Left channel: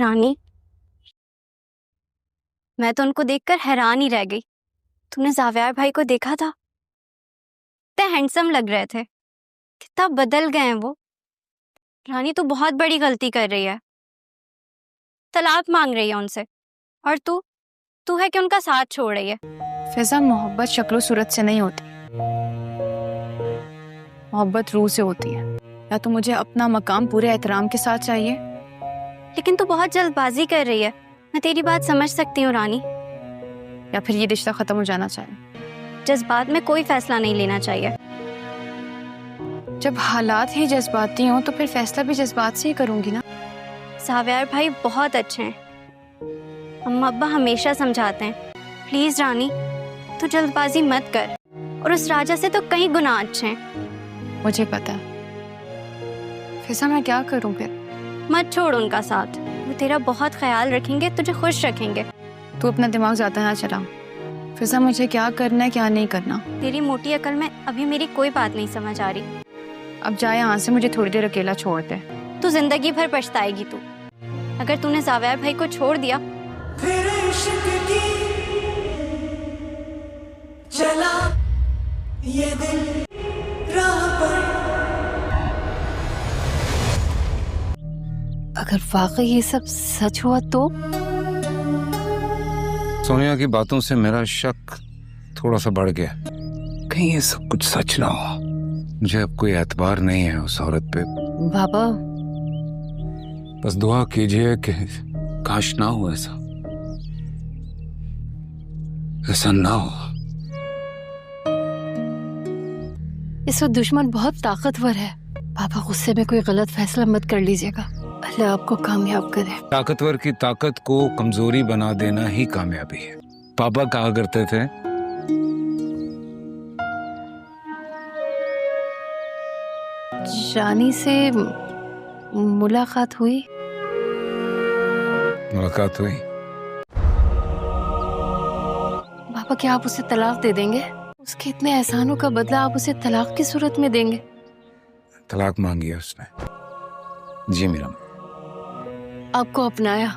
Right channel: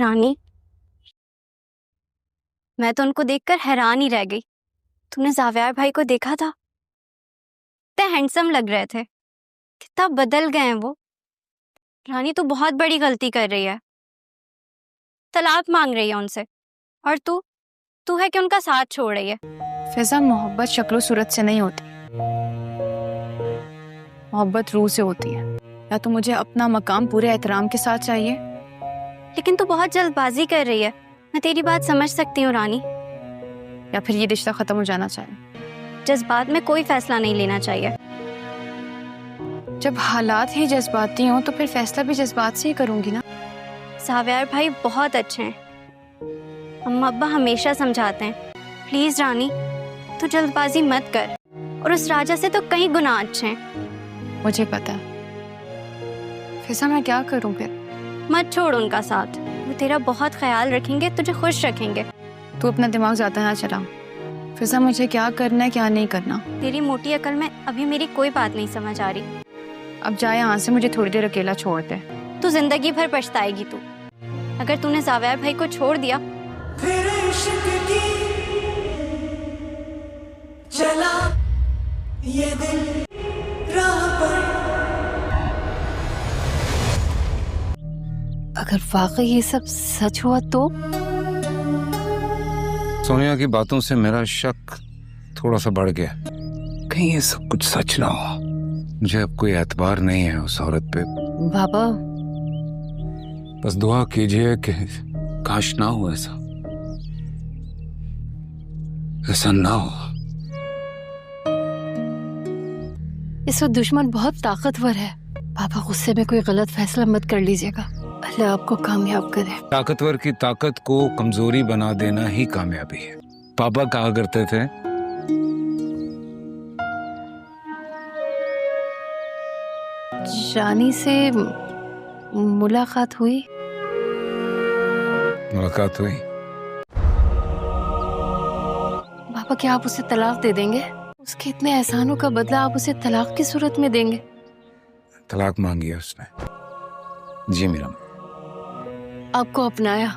رانی، میں تو ان کو دیکھ کر حیران ہی رہ گئی. تم نے زاویار بھائی کو دیکھا تھا؟ اتنے ہینڈسم لگ رہے تھے. کتنا بدل گئے ہیں وہ. رانی تو بہت بڑی غلطی کر رہی ہے. طلاق مانگ رہی ہے ان سے، اور تو ہے کہ ان کا ساتھ چھوڑ رہی ہے. فضا، محبت شکل و صورت سے نہیں ہوتی، محبت روح سے ہوتی ہے. یا تو مجھے اپنا مقام پورے احترام کے ساتھ چاہیے. لیکن تو بہت جلد بازی کر رہی ہے. میں تیری بات سمجھ سکتی ہوں رانی. یا پھر یہ رشتہ ختم ہو جانا چاہیے. جذبات میں کوئی فیصلہ نہیں لینا چاہیے. جب حالات ہی جذباتی ہوں تو پھر فیصلہ بھی جذبات سے ہی کروں گی نا. زاویار بھائی بہت اچھے ہیں. اماں ابا ہمیشہ سمجھاتے ہیں پلیز رانی تو جلد بازی مت کر. اور اس راجا سے تو کئی گناہ اچھے ہیں. مجھے پتا ہے. فضا، میں کیا کروں پھر؟ مت چھوڑ ان کا ساتھ. وہ تیرا بہت خیال رکھیں گے، تجھے خوش رکھیں گے. تو اپنا دماغ زیادہ نہ چلا. فضا، مجھے کیا کرنا ہے کیا نہیں کرنا. تیری موٹی عقل میں ابھی میری کوئی بات نہیں سمجھ آ رہی. اب جائے یہاں سے، مجھے تھوڑی دیر اکیلا چھوڑ دے. تو زندگی بھر پچھتائے گی. تو اگر تو نے زاویار بھائی کو چھوڑ دیا پھر عشق کی چلا یہ دل راہ پر. اگر واقعی یہ سب سچ ہوا تو سونیا کی باتوں سے میرا شک تھوڑا سا بڑھ گیا. کہیں یہ سب کچھ سچ نہ ہو. مجھے اب کوئی اعتبار نہیں ہے اس عورت پہ. بابا، بس دعا کیجئے کہ کاش نہ ہو ایسا نہ ہو. اس وقت دشمن بہت طاقتور ہے. بابا، غصے میں کوئی غلط فیصلہ مت کر لیجیے گا. اللہ آپ کو کامیاب کرے. طاقتور کی طاقت کو کمزوری بنا دینا ہی کامیابی ہے. پاپا کہا کرتے تھے رانی سے ملاقات ہوئی؟ ملاقات ہوئی. بابا، کیا آپ اسے طلاق دے دیں گے؟ اس کے اتنے احسانوں کا بدلہ آپ اسے طلاق کی صورت میں دیں گے؟ طلاق مانگی ہے اس نے. جی میرا. آپ کو اپنایا،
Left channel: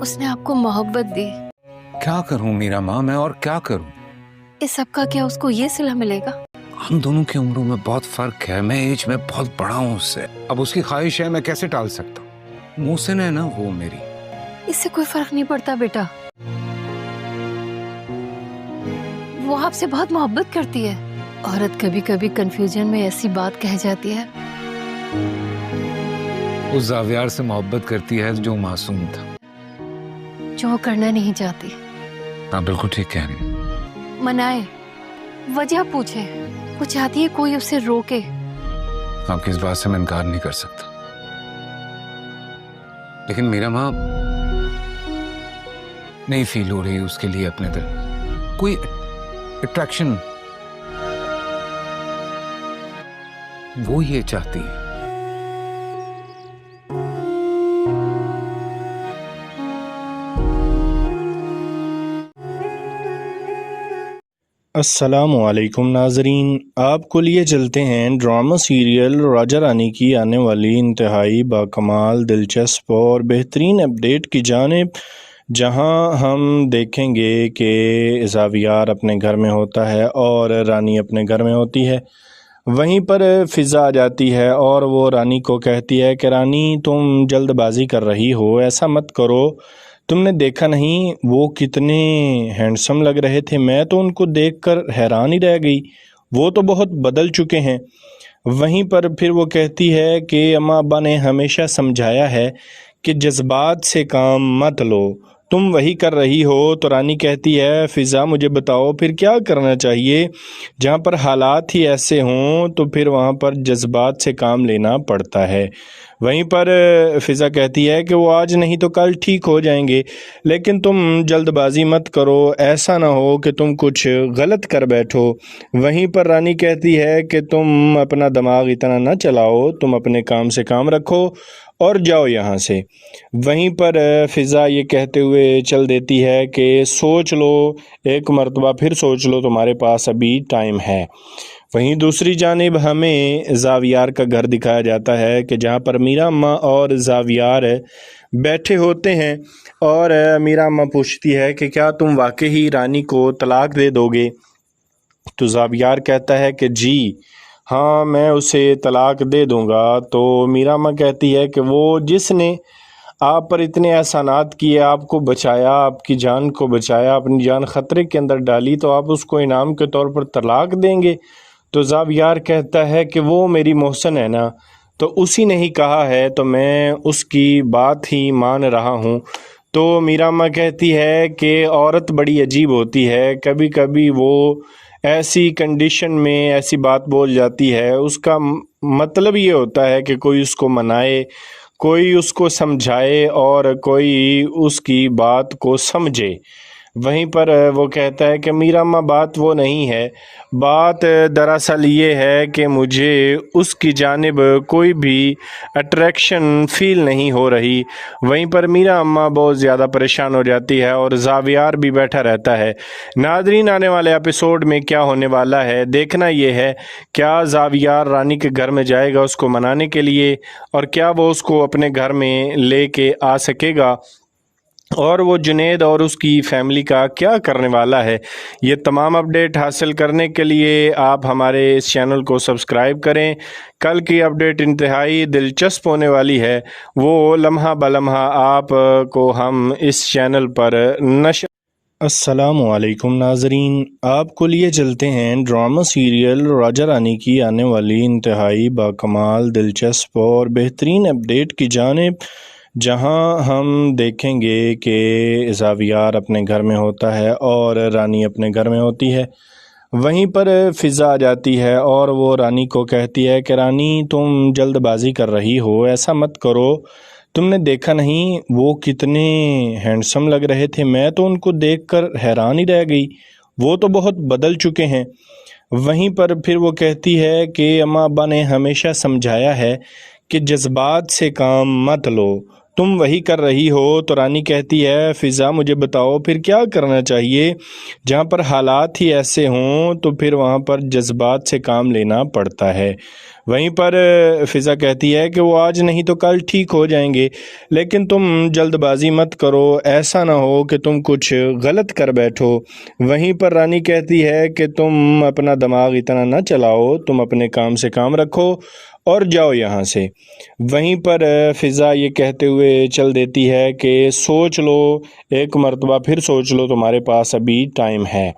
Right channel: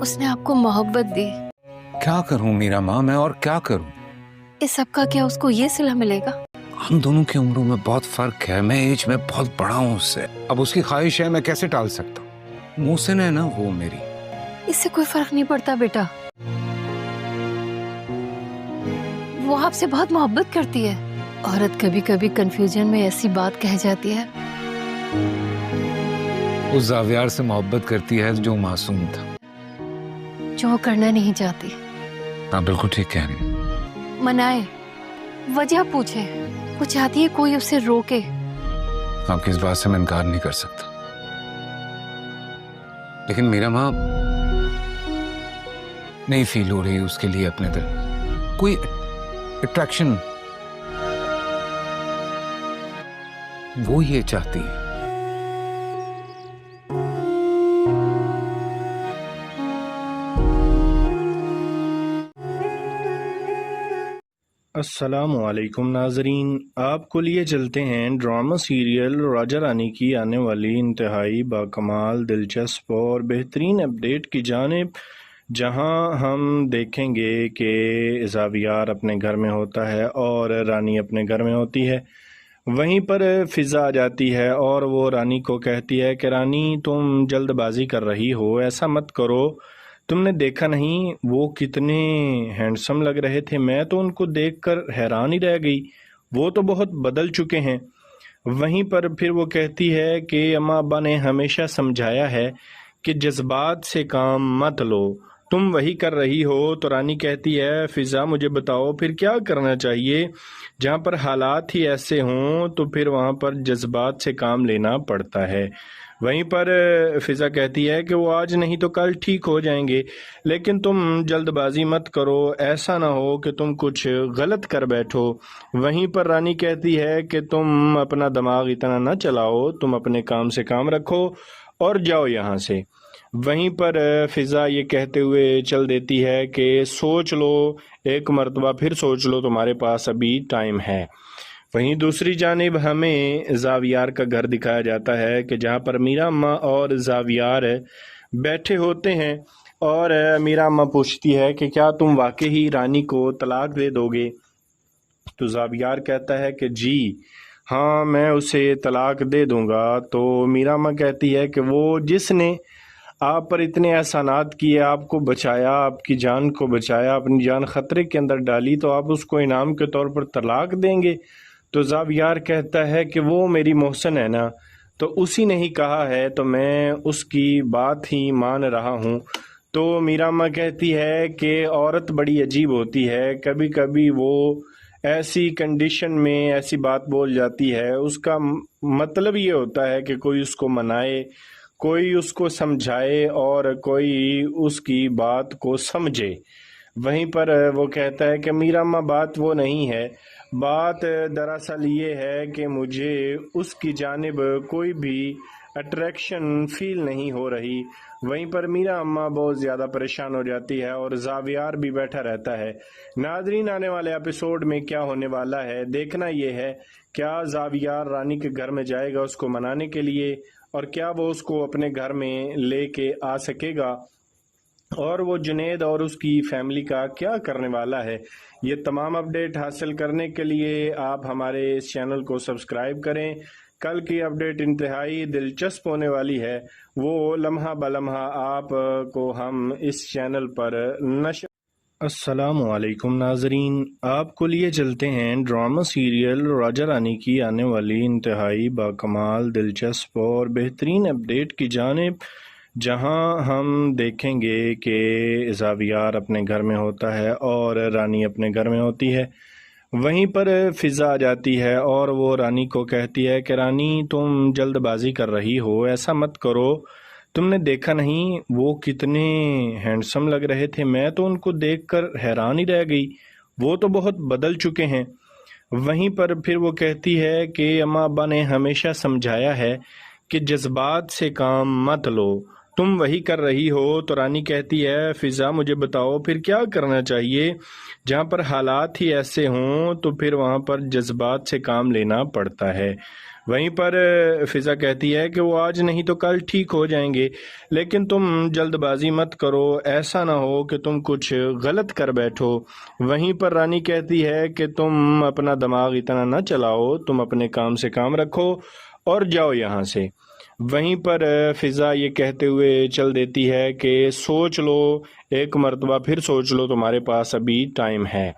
اس نے آپ کو محبت دی. کیا کروں میرا ماں میں، اور کیا کروں. اس سب کا کیا اس کو یہ صلہ ملے گا؟ ہم دونوں کی عمروں میں بہت فرق ہے. میں ایج میں بہت بڑا ہوں اس سے. اب اس کی خواہش ہے، میں کیسے ٹال سکتا ہوں. محسن ہے نا وہ میری. اس سے کوئی فرق نہیں پڑتا بیٹا. وہ آپ سے بہت محبت کرتی ہے. عورت کبھی کبھی کنفیوژن میں ایسی بات کہہ جاتی ہے. اس زاویار سے محبت کرتی ہے جو معصوم تھا. جو وہ کرنا نہیں چاہتی. آپ بالکل ٹھیک کہہ رہی ہیں. منائے، وجہ پوچھے. وہ چاہتی ہے کوئی اسے روکے. آپ کی اس بات سے میں انکار نہیں کر سکتا. لیکن میرا ماں نہیں فیل ہو رہی اس کے لیے اپنے دل کوئی اٹریکشن. وہ یہ چاہتی ہے. السلام علیکم ناظرین، آپ کو لیے چلتے ہیں ڈرامہ سیریل راجہ رانی کی آنے والی انتہائی باکمال، دلچسپ اور بہترین اپڈیٹ کی جانب، جہاں ہم دیکھیں گے کہ زاویار اپنے گھر میں ہوتا ہے اور رانی اپنے گھر میں ہوتی ہے. وہیں پر فضا آ جاتی ہے اور وہ رانی کو کہتی ہے کہ رانی تم جلد بازی کر رہی ہو، ایسا مت کرو. تم نے دیکھا نہیں وہ کتنے ہینڈسم لگ رہے تھے. میں تو ان کو دیکھ کر حیران ہی رہ گئی. وہ تو بہت بدل چکے ہیں. وہیں پر پھر وہ کہتی ہے کہ اماں ابا نے ہمیشہ سمجھایا ہے کہ جذبات سے کام مت لو، تم وہی کر رہی ہو. تو رانی کہتی ہے فضا مجھے بتاؤ پھر کیا کرنا چاہیے. جہاں پر حالات ہی ایسے ہوں تو پھر وہاں پر جذبات سے کام لینا پڑتا ہے. وہیں پر فضا کہتی ہے کہ وہ آج نہیں تو کل ٹھیک ہو جائیں گے، لیکن تم جلد بازی مت کرو، ایسا نہ ہو کہ تم کچھ غلط کر بیٹھو. وہیں پر رانی کہتی ہے کہ تم اپنا دماغ اتنا نہ چلاؤ، تم اپنے کام سے کام رکھو اور جاؤ یہاں سے. وہیں پر فضا یہ کہتے ہوئے چل دیتی ہے کہ سوچ لو، ایک مرتبہ پھر سوچ لو، تمہارے پاس ابھی ٹائم ہے. वहीं दूसरी जानिब हमें ज़ावियार का घर दिखाया जाता है कि जहाँ पर मीरा अम्मा और ज़ावियार बैठे होते हैं और मीरा अम्मा पूछती है कि क्या तुम वाकई ही रानी को तलाक दे दोगे। तो ज़ावियार कहता है कि जी हाँ, मैं उसे तलाक दे दूंगा। तो मीरा अम्मा कहती है कि वो जिसने आप पर इतने एहसानात किए, आपको बचाया, आपकी जान को बचाया, अपनी जान ख़तरे के अंदर डाली, तो आप उसको इनाम के तौर पर तलाक देंगे। तो ज़ावियार कहता है कि वो मेरी मोहसन है ना, तो उसी ने ही कहा है तो मैं उसकी बात ही मान रहा हूँ। तो मीरा अम्मा कहती है कि औरत बड़ी अजीब होती है, कभी कभी वो ऐसी कंडीशन में ऐसी बात बोल जाती है, उसका मतलब ये होता है कि कोई उसको मनाए, कोई उसको समझाए और कोई उसकी बात को समझे। वहीं पर वो कहता है कि मीरा अम्मा बात वो नहीं है, बात दरअसल ये है कि मुझे उसकी जानिब कोई भी अट्रैक्शन फ़ील नहीं हो रही। वहीं पर मीरा अम्मा बहुत ज़्यादा परेशान हो जाती है और ज़ावियार भी बैठा रहता है। नाज़रीन, आने वाले एपिसोड में क्या होने वाला है देखना ये है, क्या ज़ावियार रानी के घर में जाएगा उसको मनाने के लिए, और क्या वो उसको अपने घर में लेके आ सकेगा, और वो जुनैद और उसकी फैमिली का क्या करने वाला है। ये तमाम अपडेट हासिल करने के लिए आप हमारे इस चैनल को सब्सक्राइब करें। कल की अपडेट इंतहाई दिलचस्प होने वाली है, वो लम्हा बलम्हा आप को हम इस चैनल पर नशर। अस्सलामुअलैकुम नाजरीन, आपको लिए चलते हैं ड्रामा सीरियल राजा रानी की आने वाली इंतहाई बाकमाल, दिलचस्प और बेहतरीन अपडेट की जानिब, जहां हम देखेंगे कि ज़ावियार अपने घर में होता है और रानी अपने घर में होती है। वहीं पर फ़िज़ा आ जाती है और वो रानी को कहती है कि रानी, तुम जल्दबाजी कर रही हो, ऐसा मत करो। तुमने देखा नहीं वो कितने हैंडसम लग रहे थे, मैं तो उनको देखकर हैरान ही रह गई, वो तो बहुत बदल चुके हैं। वहीं पर फिर वो कहती है कि अम्मा अब्बा ने हमेशा समझाया है कि जज्बात से काम मत लो, तुम वही कर रही हो। तो रानी कहती है, फ़िज़ा मुझे बताओ फिर क्या करना चाहिए। जहाँ पर हालात ही ऐसे हों तो फिर वहाँ पर जज्बात से काम लेना पड़ता है। वहीं पर फ़िज़ा कहती है कि वो आज नहीं तो कल ठीक हो जाएंगे, लेकिन तुम जल्दबाजी मत करो, ऐसा ना हो कि तुम कुछ गलत कर बैठो। वहीं पर रानी कहती है कि तुम अपना दिमाग इतना ना चलाओ, तुम अपने काम से काम रखो और जाओ यहाँ से। वहीं पर फ़िज़ा ये कहते हुए चल देती है कि सोच लो, एक मर्तबा फिर सोच लो, तुम्हारे पास अभी टाइम है।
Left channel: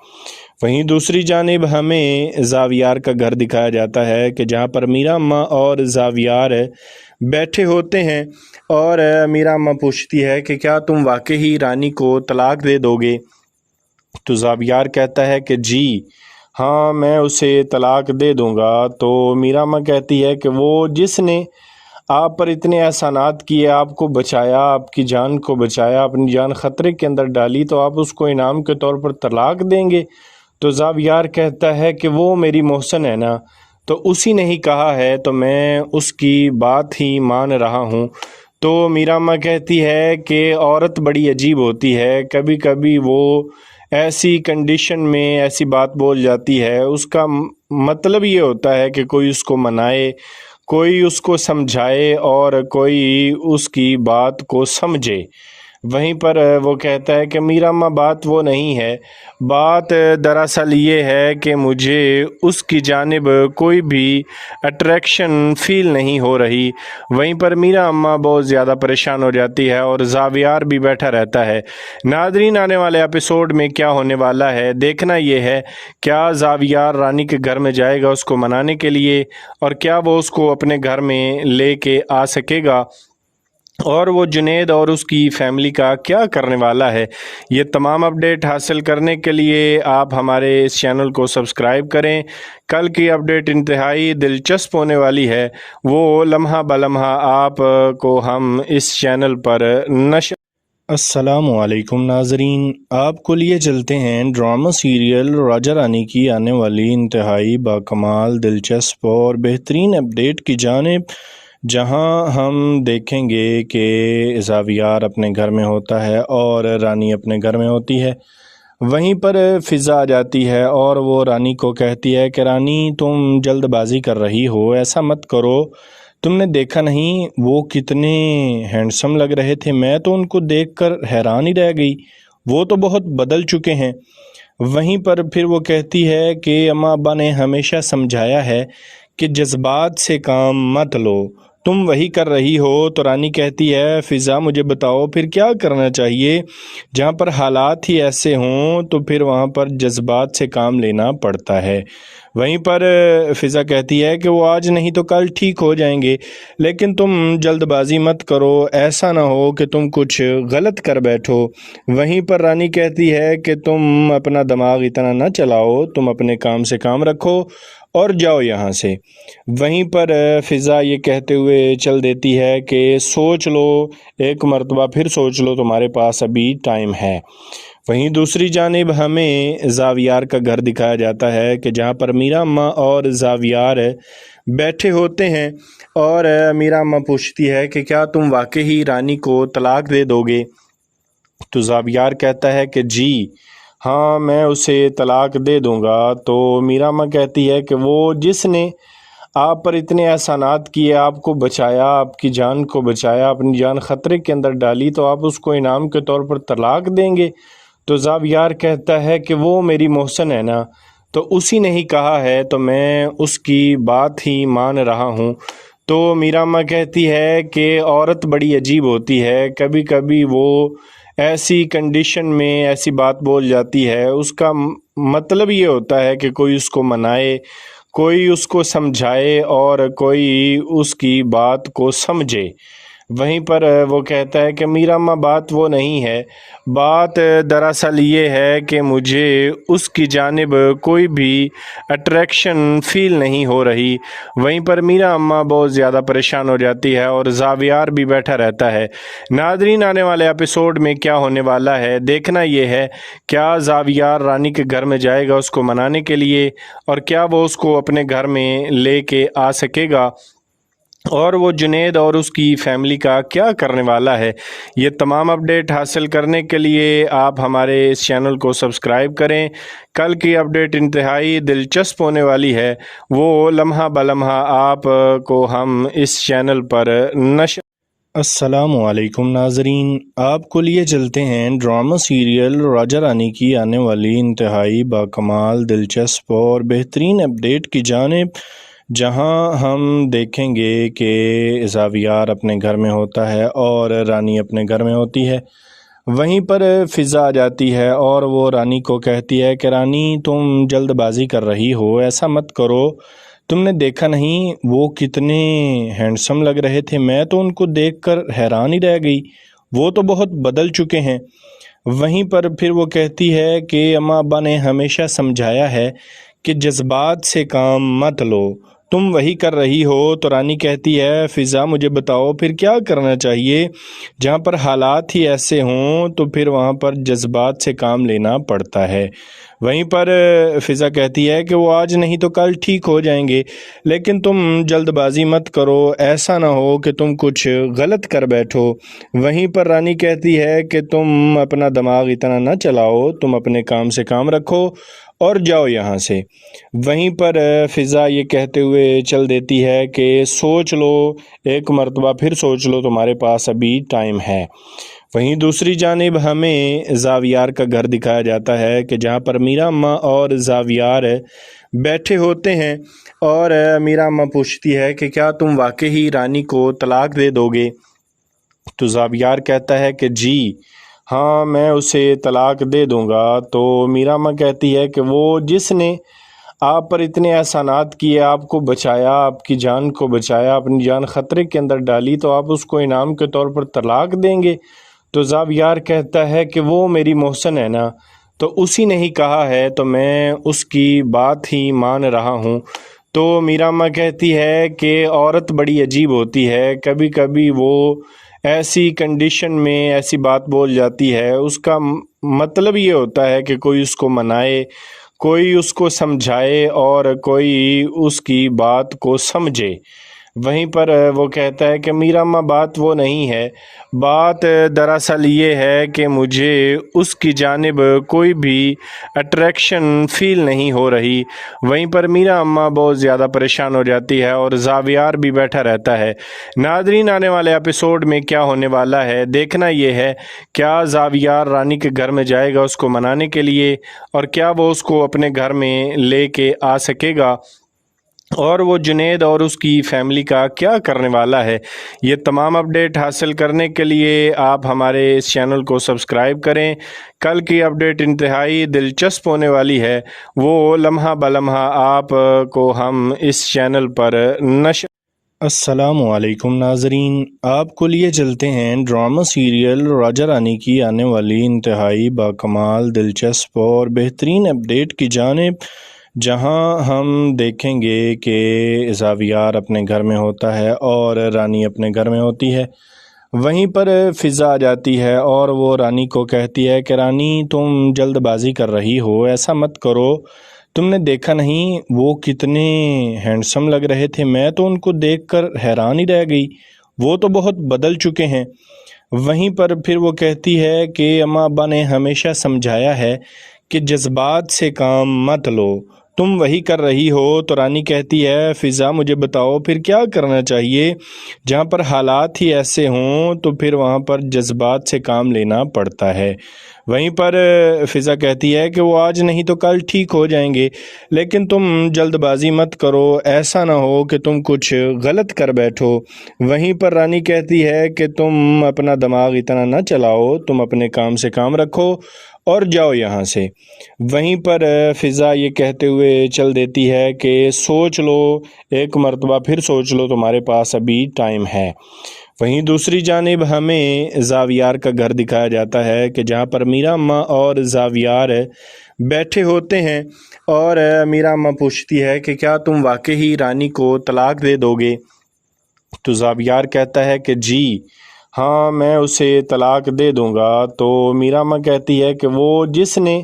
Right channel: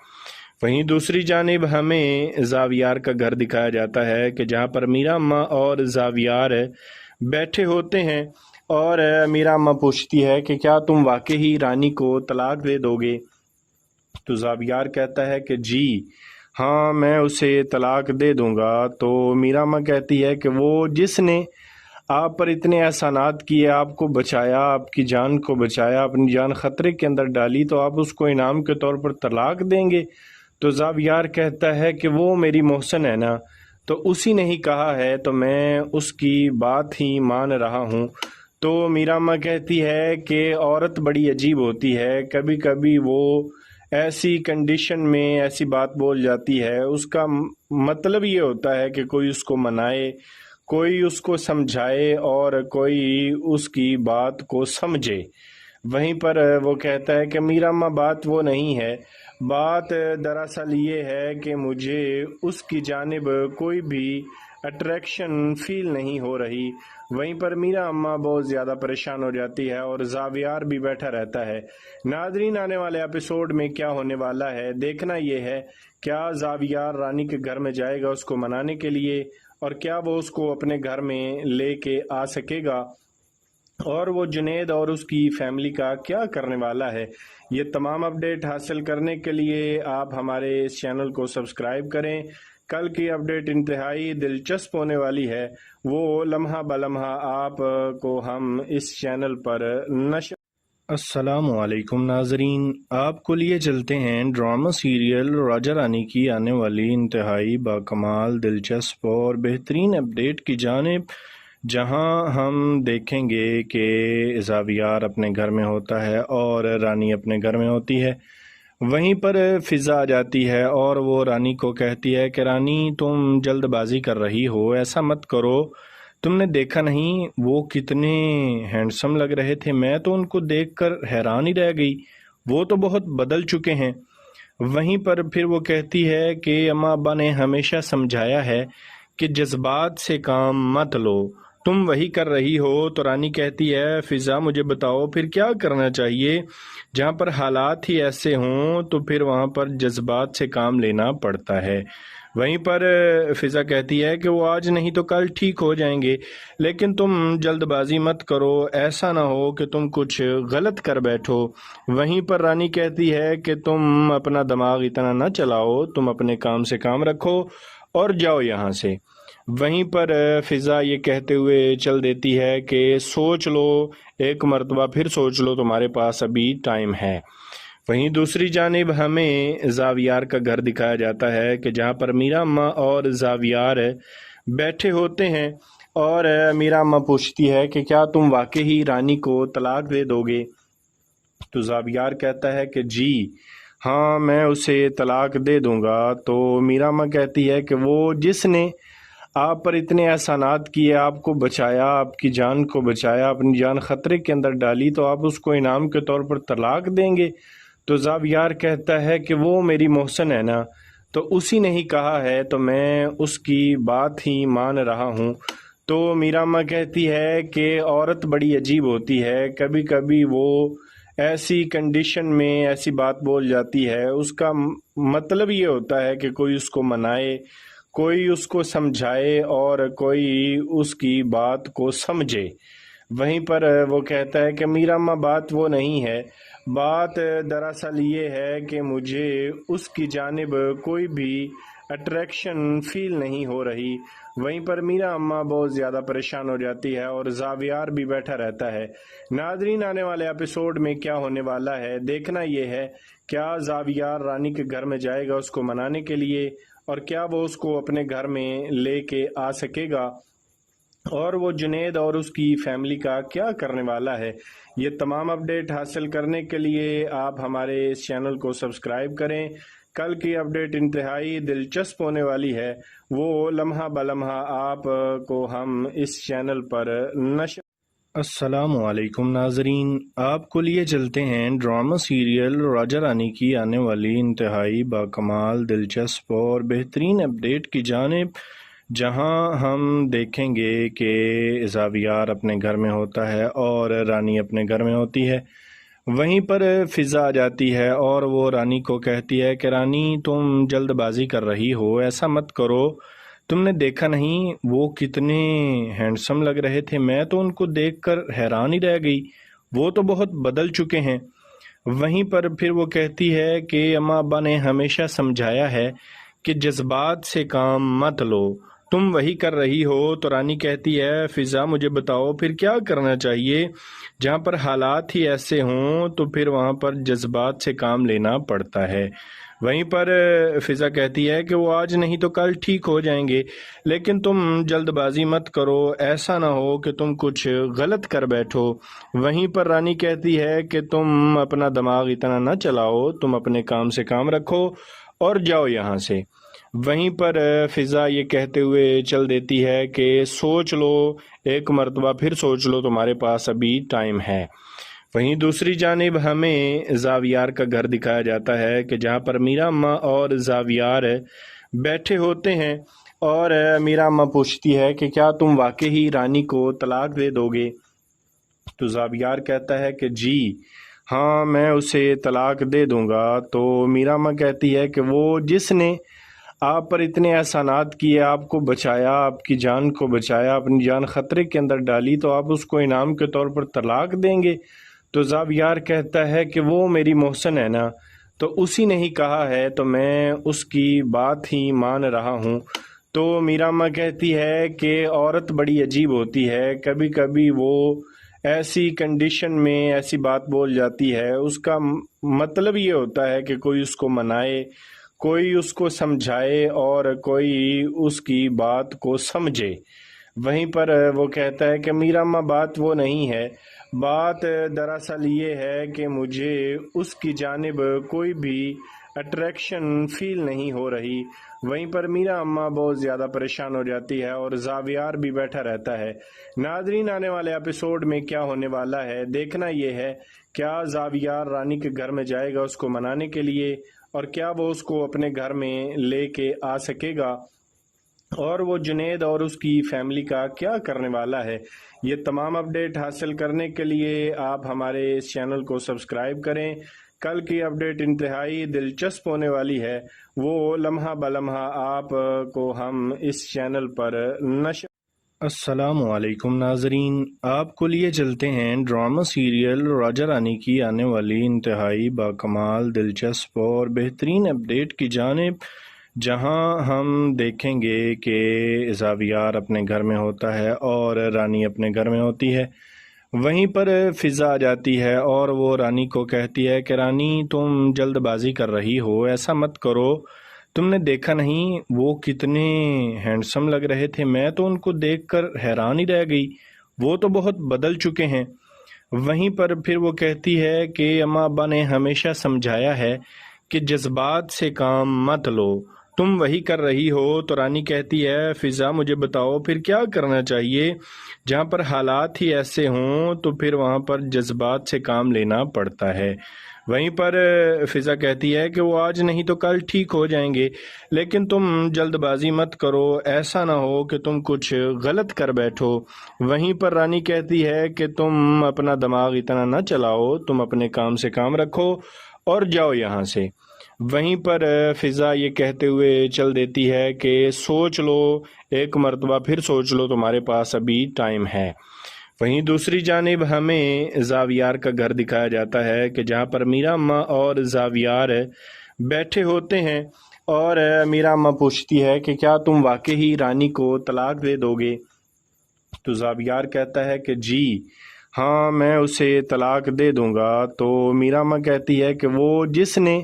वहीं दूसरी जानिब हमें ज़ावियार का घर दिखाया जाता है कि जहाँ पर मीरा अम्मा और ज़ावियार बैठे होते हैं और मीरा अम्मा पूछती है कि क्या तुम वाकई ही रानी को तलाक दे दोगे। तो ज़ावियार कहता है कि जी हाँ, मैं उसे तलाक दे दूंगा। तो मीरा अम्मा कहती है कि वो जिसने आप पर इतने एहसानात किए, आपको बचाया, आपकी जान को बचाया, अपनी जान ख़तरे के अंदर डाली, तो आप उसको इनाम के तौर पर तलाक देंगे। तो ज़ावियार कहता है कि वो मेरी मोहसन है ना, तो उसी ने ही कहा है तो मैं उसकी बात ही मान रहा हूँ। तो मीरा अम्मा कहती है कि औरत बड़ी अजीब होती है, कभी कभी वो ऐसी कंडीशन में ऐसी बात बोल जाती है, उसका मतलब ये होता है कि कोई उसको मनाए, कोई उसको समझाए और कोई उसकी बात को समझे। वहीं पर वो कहता है कि मीरा अम्मा बात वो नहीं है, बात दरअसल ये है कि मुझे उसकी जानिब कोई भी अट्रैक्शन फ़ील नहीं हो रही। वहीं पर मीरा अम्मा बहुत ज़्यादा परेशान हो जाती है और ज़ावियार भी बैठा रहता है। नाज़रीन, आने वाले एपिसोड में क्या होने वाला है देखना ये है, क्या ज़ावियार रानी के घर में जाएगा उसको मनाने के लिए, और क्या वो उसको अपने घर में लेके आ सकेगा, और वो जुनैद और उसकी फैमिली का क्या करने वाला है। ये तमाम अपडेट हासिल करने के लिए आप हमारे इस चैनल को सब्सक्राइब करें। कल की अपडेट इंतहाई दिलचस्प होने वाली है, वो लम्हा बलम्हा आप को हम इस चैनल पर नशर। अस्सलामुअलैकुम नाजरीन, आपको लिए चलते हैं ड्रामा सीरियल राजा रानी की आने वाली इंतहाई बाकमाल, दिलचस्प और बेहतरीन अपडेट की जानिब, जहां हम देखेंगे कि ज़ावियार अपने घर में होता है और रानी अपने घर में होती है। वहीं पर फिज़ा आ जाती है और वो रानी को कहती है कि रानी तुम जल्दबाजी कर रही हो, ऐसा मत करो। तुमने देखा नहीं वो कितने हैंडसम लग रहे थे, मैं तो उनको देखकर हैरान ही रह गई, वो तो बहुत बदल चुके हैं। वहीं पर फिर वो कहती है कि अम्मा अब्बा ने हमेशा समझाया है कि जज्बात से काम मत लो, तुम वही कर रही हो। तो रानी कहती है फ़िज़ा मुझे बताओ फिर क्या करना चाहिए, जहाँ पर हालात ही ऐसे हों तो फिर वहाँ पर जज्बात से काम लेना पड़ता है। वहीं पर फ़िज़ा कहती है कि वो आज नहीं तो कल ठीक हो जाएंगे, लेकिन तुम जल्दबाजी मत करो, ऐसा ना हो कि तुम कुछ गलत कर बैठो। वहीं पर रानी कहती है कि तुम अपना दिमाग इतना ना चलाओ, तुम अपने काम से काम रखो और जाओ यहाँ से। वहीं पर फ़िज़ा ये कहते हुए चल देती है कि सोच लो, एक मर्तबा फिर सोच लो, तुम्हारे पास अभी टाइम है। वहीं दूसरी जानिब हमें ज़ावियार का घर दिखाया जाता है कि जहाँ पर मीरा अम्मा और ज़ावियार बैठे होते हैं और मीरा अम्मा पूछती है कि क्या तुम वाकई रानी को तलाक दे दोगे। तो ज़ावियार कहता है कि जी हाँ, मैं उसे तलाक दे दूंगा। तो मीरा अम्मा कहती है कि वो जिसने आप पर इतने एहसानात किए, आपको बचाया, आपकी जान को बचाया, अपनी जान ख़तरे के अंदर डाली, तो आप उसको इनाम के तौर पर तलाक देंगे। तो ज़ावियार कहता है कि वो मेरी मोहसन है ना, तो उसी ने ही कहा है तो मैं उसकी बात ही मान रहा हूँ। तो मीरा अम्मा कहती है कि औरत बड़ी अजीब होती है, कभी कभी वो ऐसी कंडीशन में ऐसी बात बोल जाती है, उसका मतलब ये होता है कि कोई उसको मनाए, कोई उसको समझाए और कोई उसकी बात को समझे। वहीं पर वो कहता है कि मीरा अम्मा बात वो नहीं है, बात दरअसल ये है कि मुझे उसकी जानिब कोई भी अट्रैक्शन फ़ील नहीं हो रही। वहीं पर मीरा अम्मा बहुत ज़्यादा परेशान हो जाती है और ज़ावियार भी बैठा रहता है। नादरीन, आने वाले एपिसोड में क्या होने वाला है देखना ये है, क्या ज़ावियार रानी के घर में जाएगा उसको मनाने के लिए, और क्या वो उसको अपने घर में लेके आ सकेगा, और वो जुनेद और उसकी फैमिली का क्या करने वाला है। ये तमाम अपडेट हासिल करने के लिए आप हमारे इस चैनल को सब्सक्राइब करें। कल की अपडेट इंतहाई दिलचस्प होने वाली है, वो लम्हा बलम्हा आप को हम इस चैनल पर नशर। अस्सलामुअलैकुम नाजरीन, आपको लिए चलते हैं ड्रामा सीरियल राजा रानी की आने वाली इंतहाई बाकमाल, दिलचस्प और बेहतरीन अपडेट की जानिब, जहां हम देखेंगे कि ज़ावियार अपने घर में होता है और रानी अपने घर में होती है। वहीं पर फ़िज़ा आ जाती है और वो रानी को कहती है कि रानी तुम जल्दबाजी कर रही हो, ऐसा मत करो। तुमने देखा नहीं वो कितने हैंडसम लग रहे थे, मैं तो उनको देखकर हैरान ही रह गई, वो तो बहुत बदल चुके हैं। वहीं पर फिर वो कहती है कि अम्मा अब्बा ने हमेशा समझाया है कि जज्बात से काम मत लो, तुम वही कर रही हो। तो रानी कहती है फ़िज़ा मुझे बताओ फिर क्या करना चाहिए, जहाँ पर हालात ही ऐसे हों तो फिर वहाँ पर जज्बात से काम लेना पड़ता है। वहीं पर फ़िज़ा कहती है कि वो आज नहीं तो कल ठीक हो जाएंगे, लेकिन तुम जल्दबाजी मत करो, ऐसा ना हो कि तुम कुछ गलत कर बैठो। वहीं पर रानी कहती है कि तुम अपना दिमाग इतना ना चलाओ, तुम अपने काम से काम रखो और जाओ यहाँ से। वहीं पर फ़िज़ा ये कहते हुए चल देती है कि सोच लो, एक मर्तबा फिर सोच लो, तुम्हारे पास अभी टाइम है। वहीं दूसरी जानिब हमें ज़ावियार का घर दिखाया जाता है कि जहाँ पर मीरा अम्मा और ज़ावियार बैठे होते हैं और मीरा अम्मा पूछती है कि क्या तुम वाकई रानी को तलाक दे दोगे। तो ज़ावियार कहता है कि जी हाँ, मैं उसे तलाक दे दूंगा। तो मीरा अम्मा कहती है कि वो जिसने आप पर इतने एहसानात किए, आपको बचाया, आपकी जान को बचाया, अपनी जान ख़तरे के अंदर डाली, तो आप उसको इनाम के तौर पर तलाक देंगे। तो ज़ावियार कहता है कि वो मेरी मोहसन है ना, तो उसी ने ही कहा है तो मैं उसकी बात ही मान रहा हूँ। तो मीरा अम्मा कहती है कि औरत बड़ी अजीब होती है, कभी कभी वो ऐसी कंडीशन में ऐसी बात बोल जाती है, उसका मतलब ये होता है कि कोई उसको मनाए, कोई उसको समझाए और कोई उसकी बात को समझे। वहीं पर वो कहता है कि मीरा अम्मा बात वो नहीं है, बात दरअसल ये है कि मुझे उसकी जानिब कोई भी अट्रैक्शन फ़ील नहीं हो रही। वहीं पर मीरा अम्मा बहुत ज़्यादा परेशान हो जाती है और ज़ावियार भी बैठा रहता है। नादरीन, आने वाले एपिसोड में क्या होने वाला है देखना ये है, क्या ज़ावियार रानी के घर में जाएगा उसको मनाने के लिए, और क्या वो उसको अपने घर में लेके आ सकेगा, और वो जुनैद और उसकी फैमिली का क्या करने वाला है। ये तमाम अपडेट हासिल करने के लिए आप हमारे इस चैनल को सब्सक्राइब करें। कल की अपडेट इंतहाई दिलचस्प होने वाली है, वो लम्हा बलम्हा आप को हम इस चैनल पर नशर। अस्सलामुअलैकुम नाजरीन, आपको लिए चलते हैं ड्रामा सीरियल राजा रानी की आने वाली इंतहाई बाकमाल, दिलचस्प और बेहतरीन अपडेट की जानिब, जहां हम देखेंगे कि ज़ावियार अपने घर में होता है और रानी अपने घर में होती है। वहीं पर फ़िज़ा आ जाती है और वो रानी को कहती है कि रानी, तुम जल्दबाजी कर रही हो, ऐसा मत करो। तुमने देखा नहीं वो कितने हैंडसम लग रहे थे, मैं तो उनको देखकर हैरान ही रह गई, वो तो बहुत बदल चुके हैं। वहीं पर फिर वो कहती है कि अम्मा अब्बा ने हमेशा समझाया है कि जज्बात से काम मत लो, तुम वही कर रही हो। तो रानी कहती है, फ़िज़ा मुझे बताओ फिर क्या करना चाहिए, जहाँ पर हालात ही ऐसे हों तो फिर वहाँ पर जज्बात से काम लेना पड़ता है। वहीं पर फ़िज़ा कहती है कि वो आज नहीं तो कल ठीक हो जाएंगे, लेकिन तुम जल्दबाजी मत करो, ऐसा ना हो कि तुम कुछ गलत कर बैठो। वहीं पर रानी कहती है कि तुम अपना दिमाग इतना ना चलाओ, तुम अपने काम से काम रखो और जाओ यहाँ से। वहीं पर फ़िज़ा ये कहते हुए चल देती है कि सोच लो, एक मर्तबा फिर सोच लो, तुम्हारे पास अभी टाइम है। वहीं दूसरी जानिब हमें ज़ावियार का घर दिखाया जाता है कि जहाँ पर मीरा अम्मा और ज़ावियार बैठे होते हैं और मीरा अम्मा पूछती है कि क्या तुम वाकई ही रानी को तलाक दे दोगे। तो ज़ावियार कहता है कि जी हाँ, मैं उसे तलाक दे दूंगा। तो मीरा अम्मा कहती है कि वो जिसने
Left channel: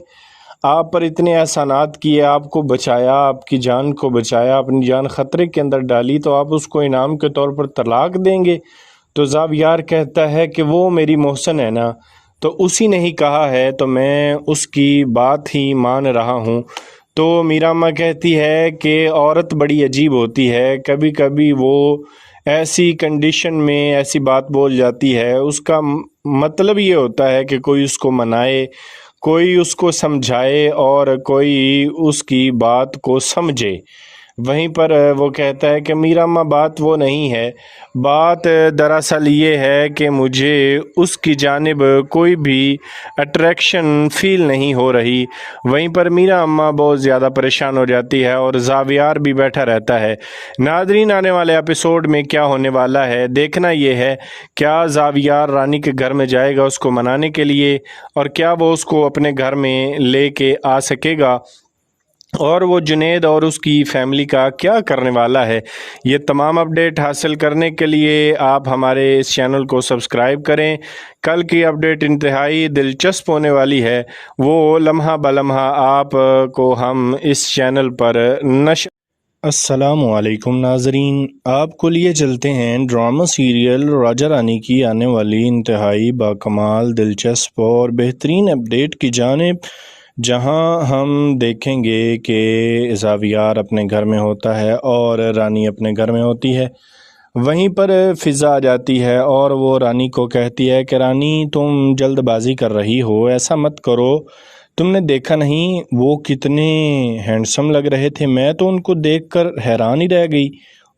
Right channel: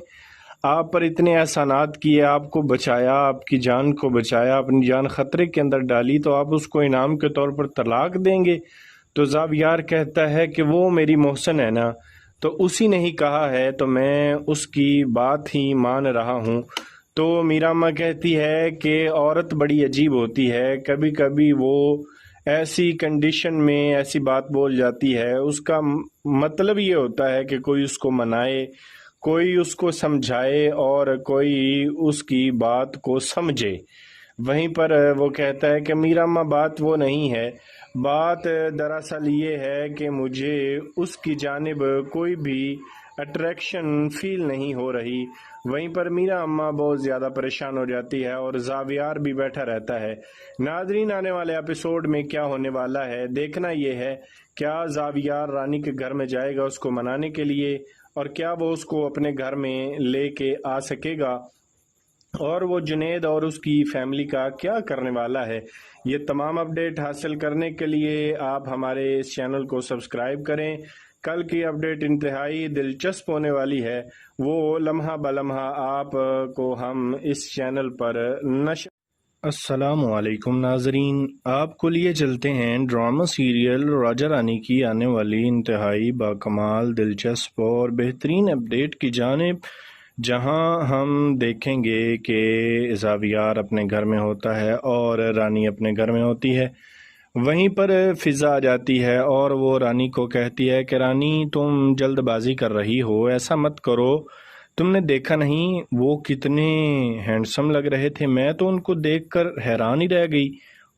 आप पर इतने एहसानात किए, आपको बचाया, आपकी जान को बचाया, अपनी जान ख़तरे के अंदर डाली, तो आप उसको इनाम के तौर पर तलाक देंगे। तो ज़ावियार कहता है कि वो मेरी मोहसन है ना, तो उसी ने ही कहा है तो मैं उसकी बात ही मान रहा हूँ। तो मीरा अम्मा कहती है कि औरत बड़ी अजीब होती है, कभी कभी वो ऐसी कंडीशन में ऐसी बात बोल जाती है, उसका मतलब ये होता है कि कोई उसको मनाए, कोई उसको समझाए और कोई उसकी बात को समझे। वहीं पर वो कहता है कि मीरा अम्मा बात वो नहीं है, बात दरअसल ये है कि मुझे उसकी जानिब कोई भी अट्रैक्शन फ़ील नहीं हो रही। वहीं पर मीरा अम्मा बहुत ज़्यादा परेशान हो जाती है और ज़ावियार भी बैठा रहता है। नादरीन, आने वाले एपिसोड में क्या होने वाला है देखना ये है, क्या ज़ावियार रानी के घर में जाएगा उसको मनाने के लिए, और क्या वो उसको अपने घर में लेके आ सकेगा, और वो जुनैद और उसकी फैमिली का क्या करने वाला है। ये तमाम अपडेट हासिल करने के लिए आप हमारे इस चैनल को सब्सक्राइब करें। कल की अपडेट इंतहाई दिलचस्प होने वाली है, वो लम्हा बलम्हा आप को हम इस चैनल पर नशर। अस्सलामुअलैकुम नाजरीन, आपको लिए चलते हैं ड्रामा सीरियल राजा रानी की आने वाली इंतहाई बाकमाल, दिलचस्प और बेहतरीन अपडेट की जानिब, जहां हम देखेंगे कि ज़ावियार अपने घर में होता है और रानी अपने घर में होती है। वहीं पर फ़िज़ा आ जाती है और वो रानी को कहती है कि रानी, तुम जल्दबाजी कर रही हो, ऐसा मत करो। तुमने देखा नहीं वो कितने हैंडसम लग रहे थे, मैं तो उनको देखकर हैरान ही रह गई,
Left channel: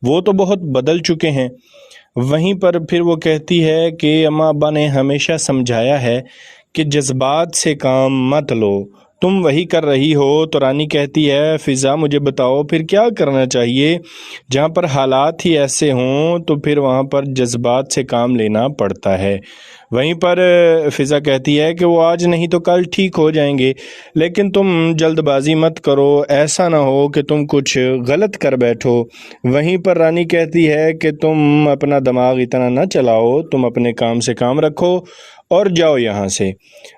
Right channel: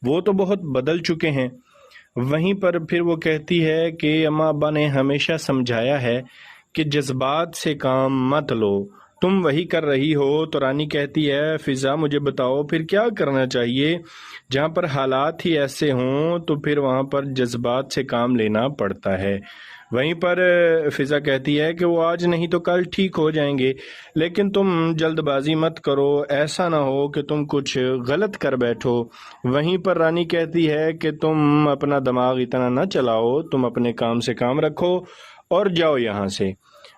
वो तो बहुत बदल चुके हैं। वहीं पर फिर वो कहती है कि अम्मा अब्बा ने हमेशा समझाया है कि जज्बात से काम मत लो, तुम वही कर रही हो। तो रानी कहती है, फ़िज़ा मुझे बताओ फिर क्या करना चाहिए, जहाँ पर हालात ही ऐसे हों तो फिर वहाँ पर जज्बात से काम लेना पड़ता है। वहीं पर फ़िज़ा कहती है कि वो आज नहीं तो कल ठीक हो जाएंगे, लेकिन तुम जल्दबाजी मत करो, ऐसा ना हो कि तुम कुछ गलत कर बैठो। वहीं पर रानी कहती है कि तुम अपना दिमाग इतना ना चलाओ, तुम अपने काम से काम रखो और जाओ यहाँ से।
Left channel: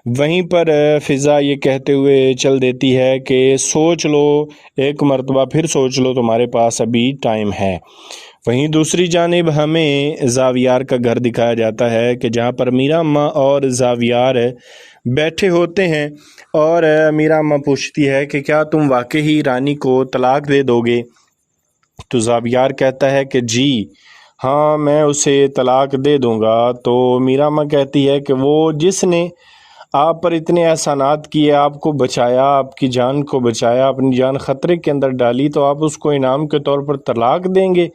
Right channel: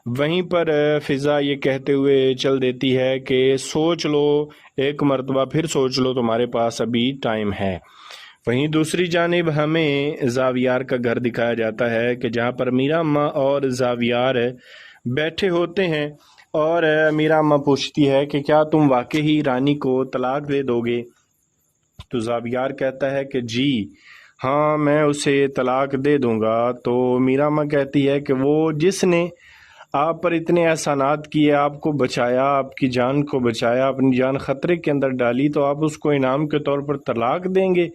वहीं पर फ़िज़ा ये कहते हुए चल देती है कि सोच लो, एक मर्तबा फिर सोच लो, तुम्हारे पास अभी टाइम है। वहीं दूसरी जानिब हमें ज़ावियार का घर दिखाया जाता है कि जहाँ पर मीरा अम्मा और ज़ावियार बैठे होते हैं और मीरा अम्मा पूछती है कि क्या तुम वाकई ही रानी को तलाक दे दोगे। तो ज़ावियार कहता है कि जी हाँ, मैं उसे तलाक दे दूंगा। तो मीरा अम्मा कहती है कि वो जिसने आप पर इतने एहसानात किए, आपको बचाया, आपकी जान को बचाया, अपनी जान ख़तरे के अंदर डाली, तो आप उसको इनाम के तौर पर तलाक देंगे।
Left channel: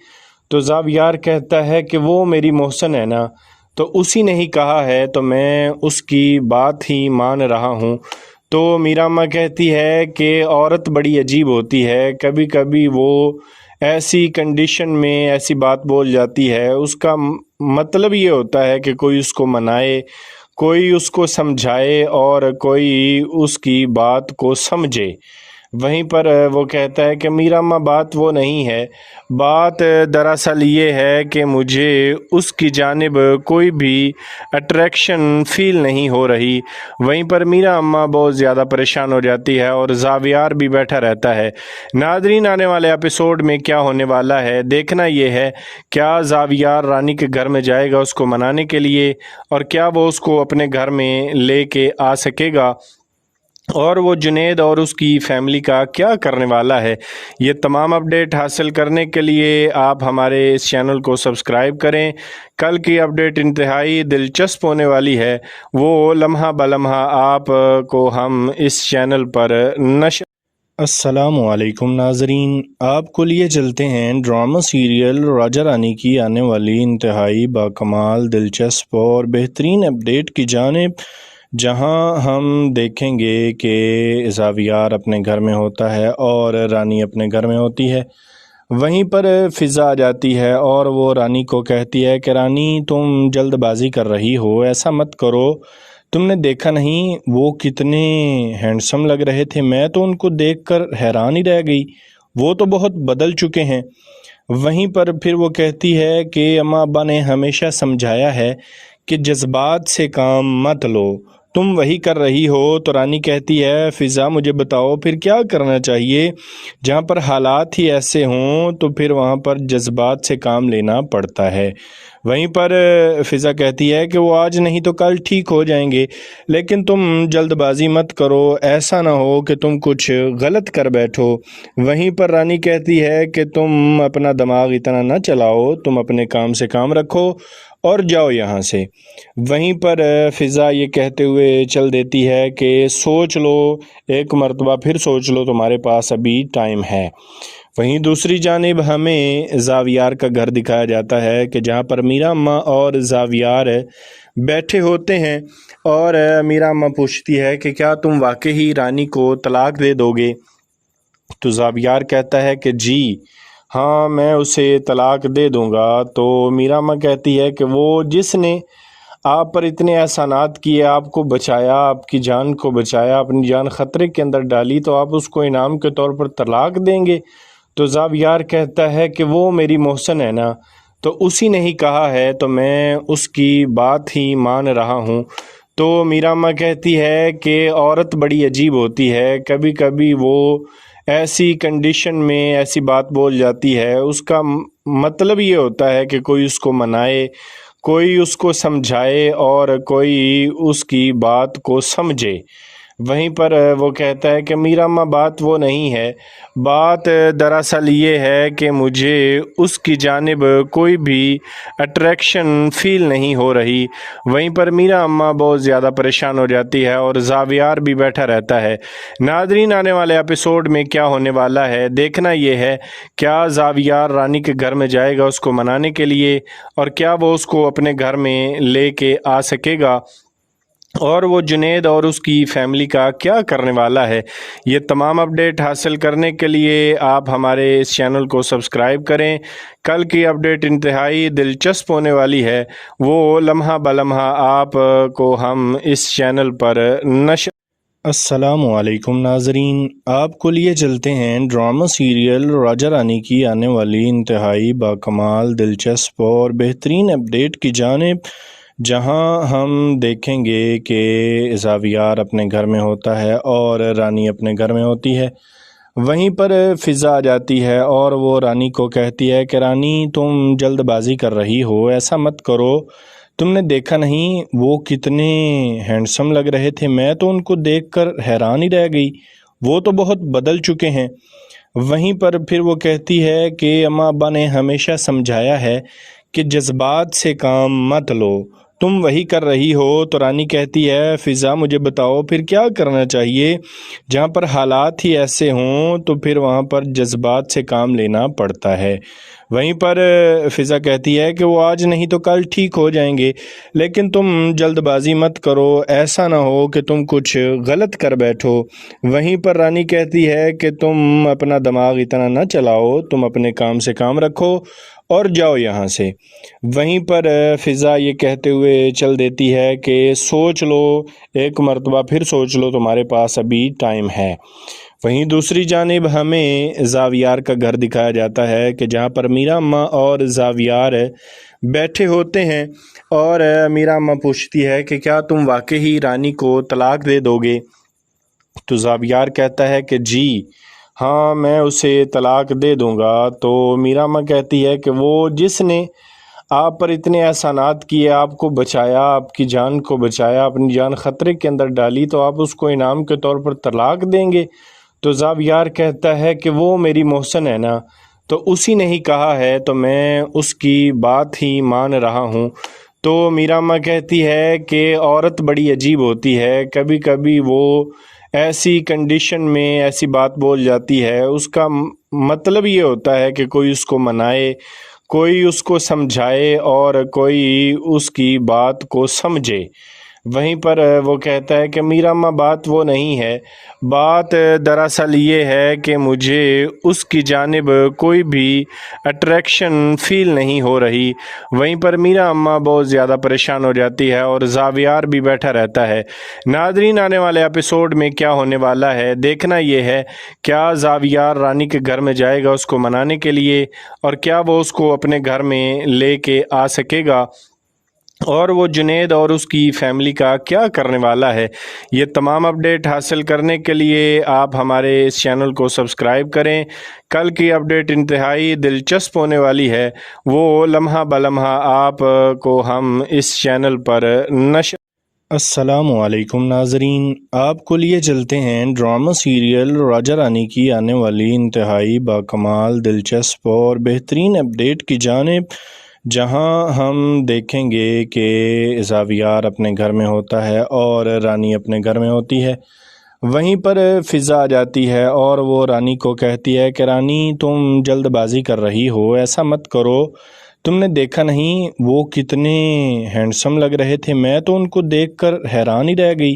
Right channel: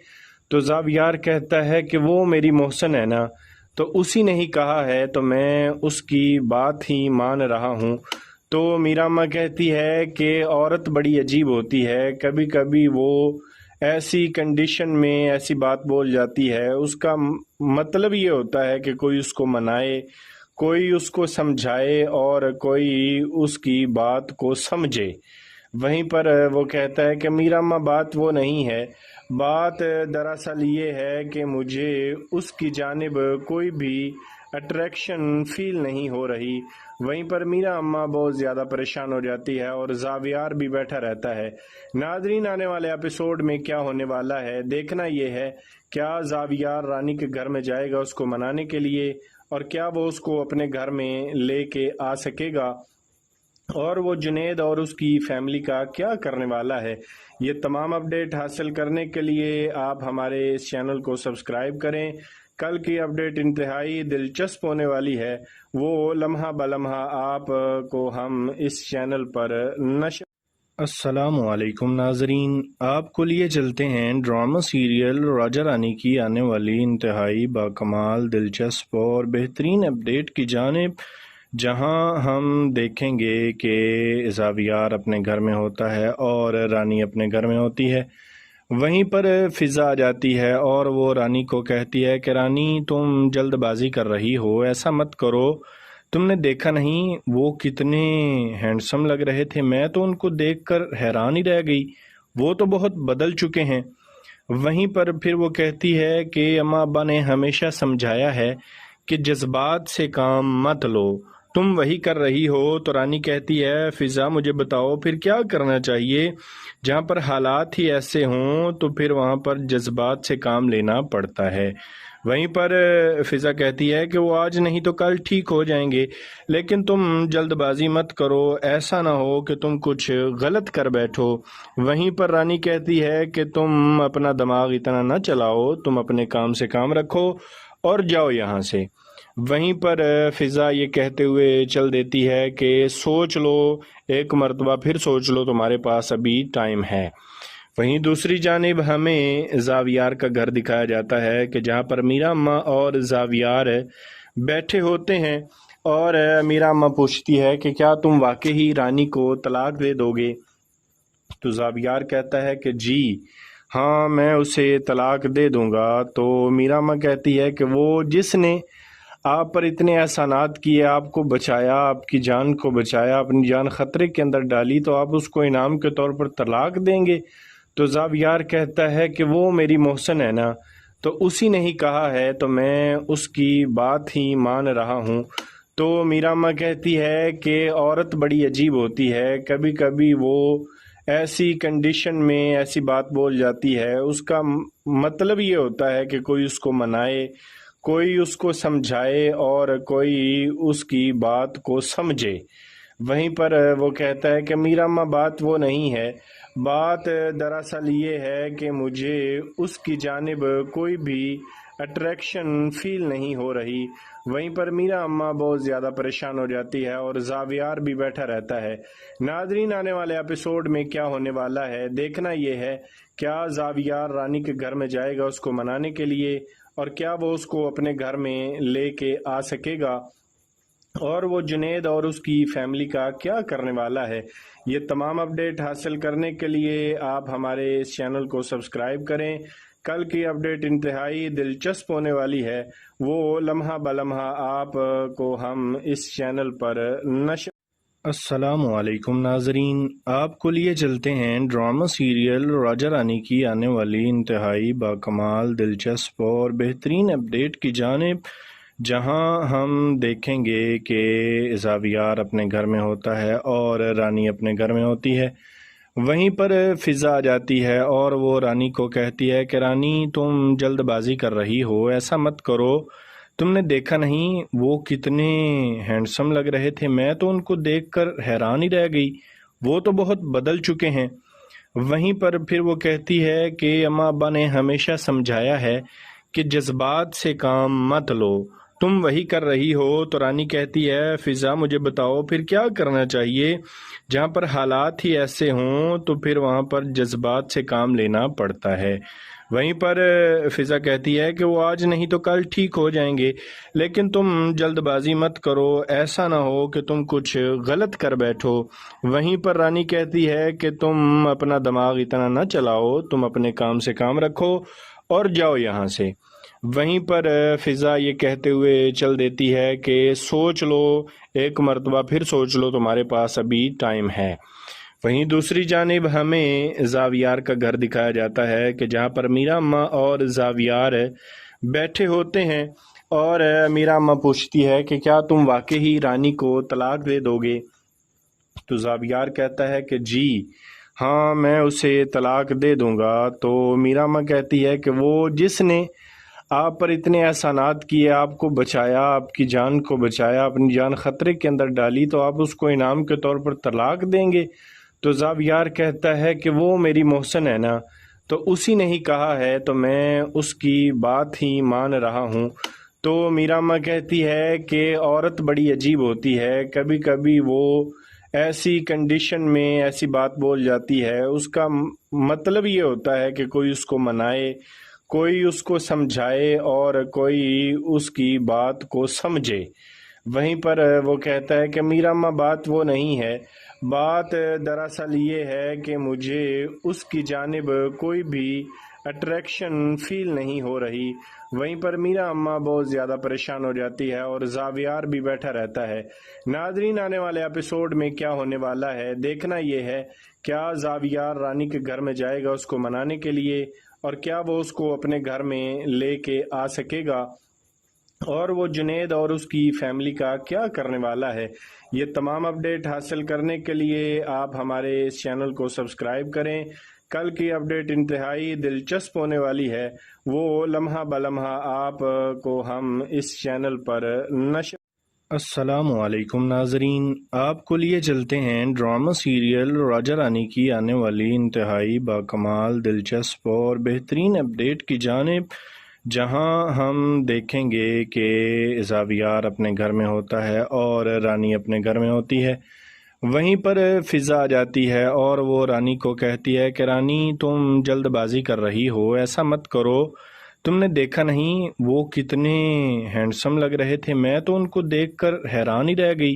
तो ज़ावियार कहता है कि वो मेरी मोहसन है ना, तो उसी ने ही कहा है तो मैं उसकी बात ही मान रहा हूँ। तो मीरा अम्मा कहती है कि औरत बड़ी अजीब होती है, कभी कभी वो ऐसी कंडीशन में ऐसी बात बोल जाती है, उसका मतलब ये होता है कि कोई उसको मनाए, कोई उसको समझाए और कोई उसकी बात को समझे। वहीं पर वो कहता है कि मीरा अम्मा बात वो नहीं है, बात दरअसल ये है कि मुझे उसकी जानिब कोई भी अट्रैक्शन फ़ील नहीं हो रही। वहीं पर मीरा अम्मा बहुत ज़्यादा परेशान हो जाती है और ज़ावियार भी बैठा रहता है। नाज़रीन, आने वाले एपिसोड में क्या होने वाला है देखना ये है, क्या ज़ावियार रानी के घर में जाएगा उसको मनाने के लिए, और क्या वो उसको अपने घर में लेके आ सकेगा, और वो जुनेद और उसकी फैमिली का क्या करने वाला है। ये तमाम अपडेट हासिल करने के लिए आप हमारे इस चैनल को सब्सक्राइब करें। कल की अपडेट इंतहाई दिलचस्प होने वाली है, वो लम्हा बलम्हा आप को हम इस चैनल पर नशर। अस्सलामुअलैकुम नाजरीन, आपको लिए चलते हैं ड्रामा सीरियल राजा रानी की आने वाली इंतहाई बाकमाल, दिलचस्प और बेहतरीन अपडेट की जानिब, जहां हम देखेंगे कि ज़ावियार अपने घर में होता है और रानी अपने घर में होती है। वहीं पर फ़िज़ा आ जाती है और वो रानी को कहती है कि रानी, तुम जल्दबाजी कर रही हो, ऐसा मत करो। तुमने देखा नहीं वो कितने हैंडसम लग रहे थे, मैं तो उनको देखकर हैरान ही रह गई, वो तो बहुत बदल चुके हैं। वहीं पर फिर वो कहती है कि अम्मा अब्बा ने हमेशा समझाया है कि जज्बात से काम मत लो, तुम वही कर रही हो। तो रानी कहती है, फ़िज़ा मुझे बताओ फिर क्या करना चाहिए। जहाँ पर हालात ही ऐसे हों तो फिर वहाँ पर जज्बात से काम लेना पड़ता है। वहीं पर फ़िज़ा कहती है कि वो आज नहीं तो कल ठीक हो जाएंगे, लेकिन तुम जल्दबाजी मत करो, ऐसा ना हो कि तुम कुछ गलत कर बैठो। वहीं पर रानी कहती है कि तुम अपना दिमाग इतना ना चलाओ, तुम अपने काम से काम रखो और जाओ यहाँ से। वहीं पर फ़िज़ा ये कहते हुए चल देती है कि सोच लो, एक मर्तबा फिर सोच लो, तुम्हारे पास अभी टाइम है। वहीं दूसरी जानिब हमें ज़ावियार का घर दिखाया जाता है कि जहाँ पर मीरा अम्मा और ज़ावियार बैठे होते हैं और मीरा अम्मा पूछती है कि क्या तुम वाकई ही रानी को तलाक दे दोगे। तो ज़ावियार कहता है कि जी हाँ, मैं उसे तलाक दे दूंगा। तो मीरा अम्मा कहती है कि वो जिसने आप पर इतने एहसानात किए, आपको बचाया, आपकी जान को बचाया, अपनी जान ख़तरे के अंदर डाली, तो आप उसको इनाम के तौर पर तलाक देंगे। तो ज़ावियार कहता है कि वो मेरी मोहसन है ना, तो उसी ने ही कहा है तो मैं उसकी बात ही मान रहा हूँ। तो मीरा अम्मा कहती है कि औरत बड़ी अजीब होती है, कभी कभी वो ऐसी कंडीशन में ऐसी बात बोल जाती है, उसका मतलब ये होता है कि कोई उसको मनाए, कोई उसको समझाए और कोई उसकी बात को समझे। वहीं पर वो कहता है कि मीरा अम्मा बात वो नहीं है, बात दरअसल ये है कि मुझे उसकी जानिब कोई भी अट्रैक्शन फ़ील नहीं हो रही। वहीं पर मीरा अम्मा बहुत ज़्यादा परेशान हो जाती है और ज़ावियार भी बैठा रहता है। नाज़रीन, आने वाले एपिसोड में क्या होने वाला है देखना ये है, क्या ज़ावियार रानी के घर में जाएगा उसको मनाने के लिए, और क्या वो उसको अपने घर में लेके आ सकेगा, और वो जुनेद और उसकी फैमिली का क्या करने वाला है। ये तमाम अपडेट हासिल करने के लिए आप हमारे इस चैनल को सब्सक्राइब करें। कल की अपडेट इंतहाई दिलचस्प होने वाली है, वो लम्हा बलम्हा आप को हम इस चैनल पर नशर। अस्सलामुअलैकुम नाजरीन, आपको लिए चलते हैं ड्रामा सीरियल राजा रानी की आने वाली इंतहाई बाकमाल, दिलचस्प और बेहतरीन अपडेट की जानिब, जहां हम देखेंगे कि ज़ावियार अपने घर में होता है और रानी अपने घर में होती है। وہیں پر فضا آ جاتی ہے اور وہ رانی کو کہتی ہے کہ رانی تم جلد بازی کر رہی ہو، ایسا مت کرو، تم نے دیکھا نہیں وہ کتنے ہینڈسم لگ رہے تھے، میں تو ان کو دیکھ کر حیران ہی رہ گئی، وہ تو بہت بدل چکے ہیں۔ وہیں پر پھر وہ کہتی ہے کہ اماں ابا نے ہمیشہ سمجھایا ہے کہ جذبات سے کام مت لو، تم وہی کر رہی ہو۔ تو رانی کہتی ہے فضا مجھے بتاؤ پھر کیا کرنا چاہیے؟ جہاں پر حالات ہی ایسے ہوں تو پھر وہاں پر جذبات سے کام لینا پڑتا ہے۔ وہیں پر فضا کہتی ہے کہ وہ آج نہیں تو کل ٹھیک ہو جائیں گے، لیکن تم جلد بازی مت کرو، ایسا نہ ہو کہ تم کچھ غلط کر بیٹھو۔ وہیں پر رانی کہتی ہے کہ تم اپنا دماغ اتنا نہ چلاؤ، تم اپنے کام سے کام رکھو اور جاؤ یہاں سے۔ وہیں پر فضا یہ کہتے ہوئے چل دیتی ہے کہ سوچ لو، ایک مرتبہ پھر سوچ لو، تمہارے پاس ابھی ٹائم ہے۔ وہیں دوسری جانب ہمیں زاویار کا گھر دکھایا جاتا ہے کہ جہاں پر میرا اماں اور زاویار بیٹھے ہوتے ہیں اور میرا اماں پوچھتی ہے کہ کیا تم واقعی رانی کو طلاق دے دو گے؟ تو زاویار کہتا ہے کہ جی ہاں میں اسے طلاق دے دوں گا۔ تو میرا اماں کہتی ہے کہ وہ جس نے آپ پر اتنے احسانات کیے، آپ کو بچایا، آپ کی جان کو بچایا، اپنی جان خطرے کے اندر ڈالی، تو آپ اس کو انعام کے طور پر طلاق دیں گے؟ تو زاویار کہتا ہے کہ وہ میری محسن ہے نا، تو اسی نے ہی کہا ہے تو میں اس کی بات ہی مان رہا ہوں۔ تو میرا اماں کہتی ہے کہ عورت بڑی عجیب ہوتی ہے، کبھی کبھی وہ ایسی کنڈیشن میں ایسی بات بول جاتی ہے، اس کا مطلب یہ ہوتا ہے کہ کوئی اس کو منائے، کوئی اس کو سمجھائے اور کوئی اس کی بات کو سمجھے۔ وہیں پر وہ کہتا ہے کہ میرا اماں بات وہ نہیں ہے، بات دراصل یہ ہے کہ مجھے اس کی جانب کوئی بھی اٹریکشن فیل نہیں ہو رہی۔ وہیں پر میرا اماں بہت زیادہ پریشان ہو جاتی ہے اور زاویار بھی بیٹھا رہتا ہے۔ ناظرین آنے والے ایپیسوڈ میں کیا ہونے والا ہے دیکھنا یہ ہے، کیا زاویار رانی کے گھر میں جائے گا اس کو منانے کے لیے، اور کیا وہ اس کو اپنے گھر میں لے کے آ سکے گا، اور وہ جنید اور اس کی فیملی کا کیا کرنے والا ہے۔ یہ تمام اپڈیٹ حاصل کرنے کے لیے آپ ہمارے اس چینل کو سبسکرائب کریں۔ کل کی اپڈیٹ انتہائی دلچسپ ہونے والی ہے، وہ لمحہ بلمحہ آپ کو ہم اس چینل پر نشر۔ السلام علیکم ناظرین، آپ کو لیے چلتے ہیں ڈرامہ سیریل راجہ رانی کی آنے والی انتہائی باکمال، دلچسپ اور بہترین اپڈیٹ کی جانب، جہاں ہم دیکھیں گے کہ زاویار اپنے گھر میں ہوتا ہے اور رانی اپنے گھر میں ہوتی ہے۔ وہیں پر فضا آ جاتی ہے اور وہ رانی کو کہتی ہے کہ رانی تم جلد بازی کر رہی ہو، ایسا مت کرو، تم نے دیکھا نہیں وہ کتنے ہینڈسم لگ رہے تھے، میں تو ان کو دیکھ کر حیران ہی رہ گئی،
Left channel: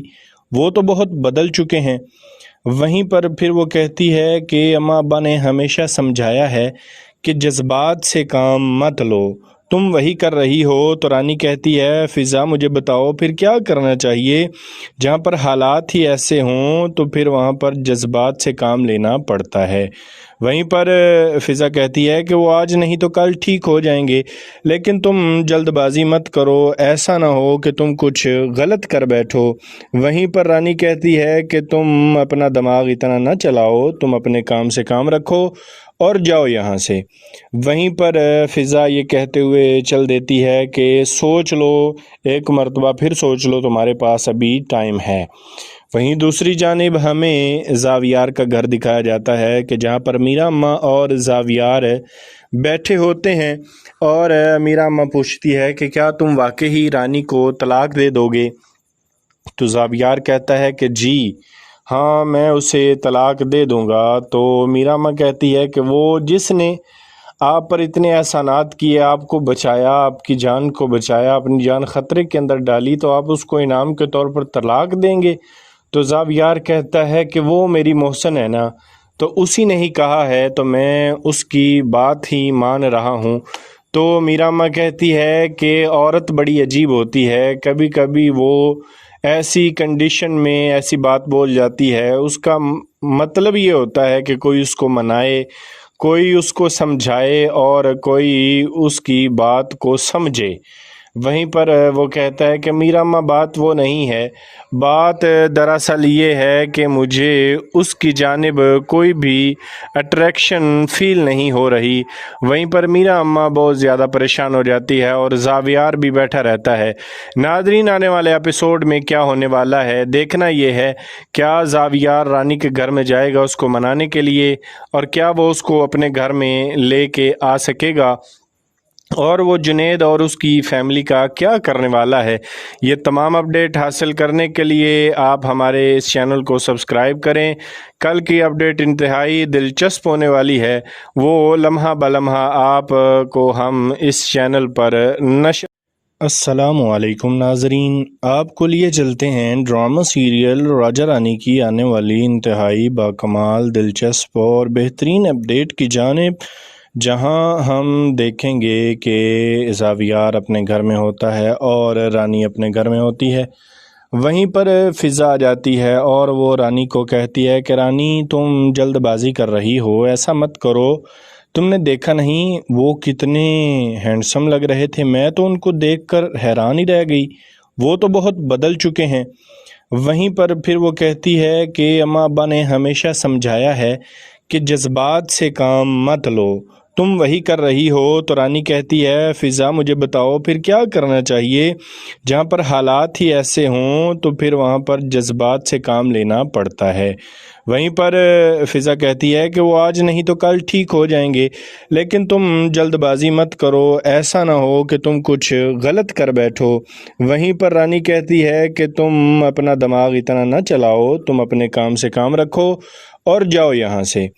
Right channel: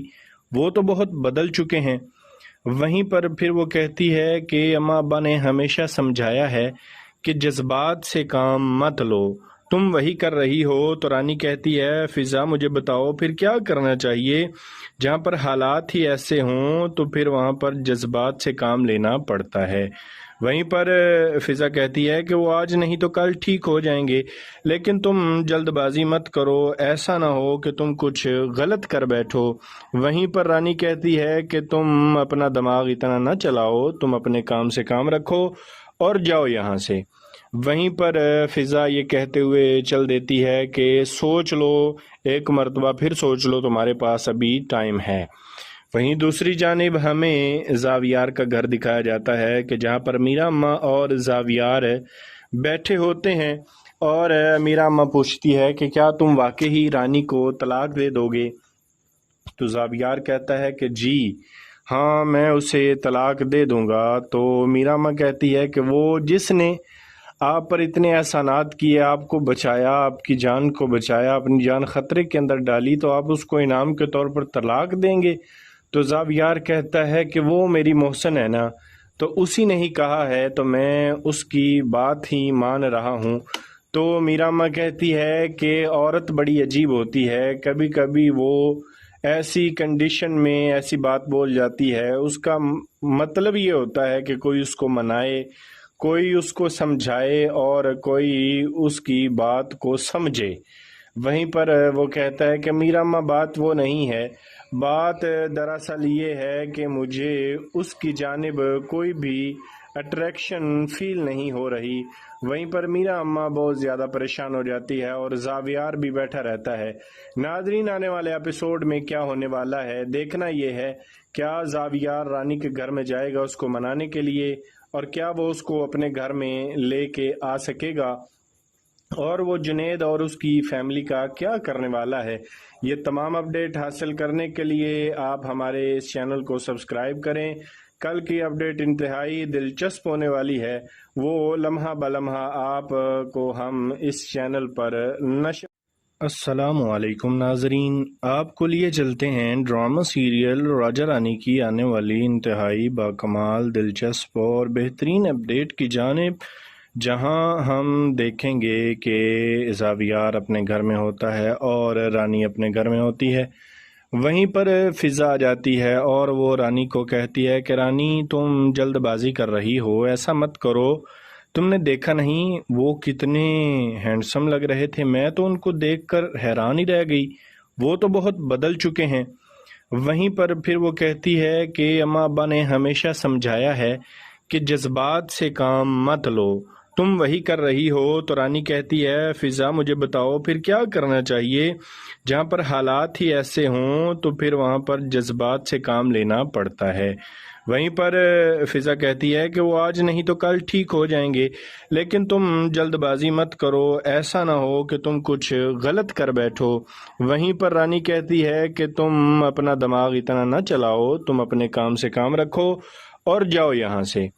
وہ تو بہت بدل چکے ہیں۔ وہیں پر پھر وہ کہتی ہے کہ اماں ابا نے ہمیشہ سمجھایا ہے کہ جذبات سے کام مت لو، تم وہی کر رہی ہو۔ تو رانی کہتی ہے فضا مجھے بتاؤ پھر کیا کرنا چاہیے؟ جہاں پر حالات ہی ایسے ہوں تو پھر وہاں پر جذبات سے کام لینا پڑتا ہے۔ وہیں پر فضا کہتی ہے کہ وہ آج نہیں تو کل ٹھیک ہو جائیں گے، لیکن تم جلد بازی مت کرو، ایسا نہ ہو کہ تم کچھ غلط کر بیٹھو۔ وہیں پر رانی کہتی ہے کہ تم اپنا دماغ اتنا نہ چلاؤ، تم اپنے کام سے کام رکھو اور جاؤ یہاں سے۔ وہیں پر فضا یہ کہتے ہوئے چل دیتی ہے کہ سوچ لو، ایک مرتبہ پھر سوچ لو، تمہارے پاس ابھی ٹائم ہے۔ وہیں دوسری جانب ہمیں زاویار کا گھر دکھایا جاتا ہے کہ جہاں پر میرا اماں اور زاویار بیٹھے ہوتے ہیں اور میرا اماں پوچھتی ہے کہ کیا تم واقعی رانی کو طلاق دے دو گے؟ تو زاویار کہتا ہے کہ جی ہاں میں اسے طلاق دے دوں گا۔ تو میرا اماں کہتی ہے کہ وہ جس نے آپ پر اتنے احسانات کیے، آپ کو بچایا، آپ کی جان کو بچایا، اپنی جان خطرے کے اندر ڈالی، تو آپ اس کو انعام کے طور پر طلاق دیں گے؟ تو زاویار کہتا ہے کہ وہ میری محسن ہے نا، تو اسی نے ہی کہا ہے تو میں اس کی بات ہی مان رہا ہوں۔ تو میرا اماں کہتی ہے کہ عورت بڑی عجیب ہوتی ہے، کبھی کبھی وہ ایسی کنڈیشن میں ایسی بات بول جاتی ہے، اس کا مطلب یہ ہوتا ہے کہ کوئی اس کو منائے، کوئی اس کو سمجھائے اور کوئی اس کی بات کو سمجھے۔ वहीं पर वो कहता है कि मीरा अम्मा बात वो नहीं है, बात दरअसल ये है कि मुझे उसकी जानिब कोई भी अट्रैक्शन फ़ील नहीं हो रही। वहीं पर मीरा अम्मा बहुत ज़्यादा परेशान हो जाती है और ज़ावियार भी बैठा रहता है। नाज़रीन, आने वाले एपिसोड में क्या होने वाला है देखना ये है, क्या ज़ावियार रानी के घर में जाएगा उसको मनाने के लिए, और क्या वो उसको अपने घर में लेके आ सकेगा, और वो जुनैद और उसकी फैमिली का क्या करने वाला है। ये तमाम अपडेट हासिल करने के लिए आप हमारे इस चैनल को सब्सक्राइब करें। कल की अपडेट इंतहाई दिलचस्प होने वाली है, वो लम्हा बलम्हा आप को हम इस चैनल पर नशर। अस्सलामुअलैकुम नाजरीन, आपको लिए चलते हैं ड्रामा सीरियल राजा रानी की आने वाली इंतहाई बाकमाल, दिलचस्प और बेहतरीन अपडेट की जानिब, जहां हम देखेंगे कि ज़ावियार अपने घर में होता है और रानी अपने घर में होती है। वहीं पर फ़िज़ा आ जाती है और वो रानी को कहती है कि रानी, तुम जल्दबाजी कर रही हो, ऐसा मत करो। तुमने देखा नहीं वो कितने हैंडसम लग रहे थे, मैं तो उनको देखकर हैरान ही रह गई, वो तो बहुत बदल चुके हैं। वहीं पर फिर वो कहती है कि अम्मा अब्बा ने हमेशा समझाया है कि जज्बात से काम मत लो, तुम वही कर रही हो। तो रानी कहती है, फ़िज़ा मुझे बताओ फिर क्या करना चाहिए, जहाँ पर हालात ही ऐसे हों तो फिर वहाँ पर जज्बात से काम लेना पड़ता है। वहीं पर फ़िज़ा कहती है कि वो आज नहीं तो कल ठीक हो जाएंगे, लेकिन तुम जल्दबाजी मत करो, ऐसा ना हो कि तुम कुछ गलत कर बैठो। वहीं पर रानी कहती है कि तुम अपना दिमाग इतना ना चलाओ, तुम अपने काम से काम रखो और जाओ यहाँ से।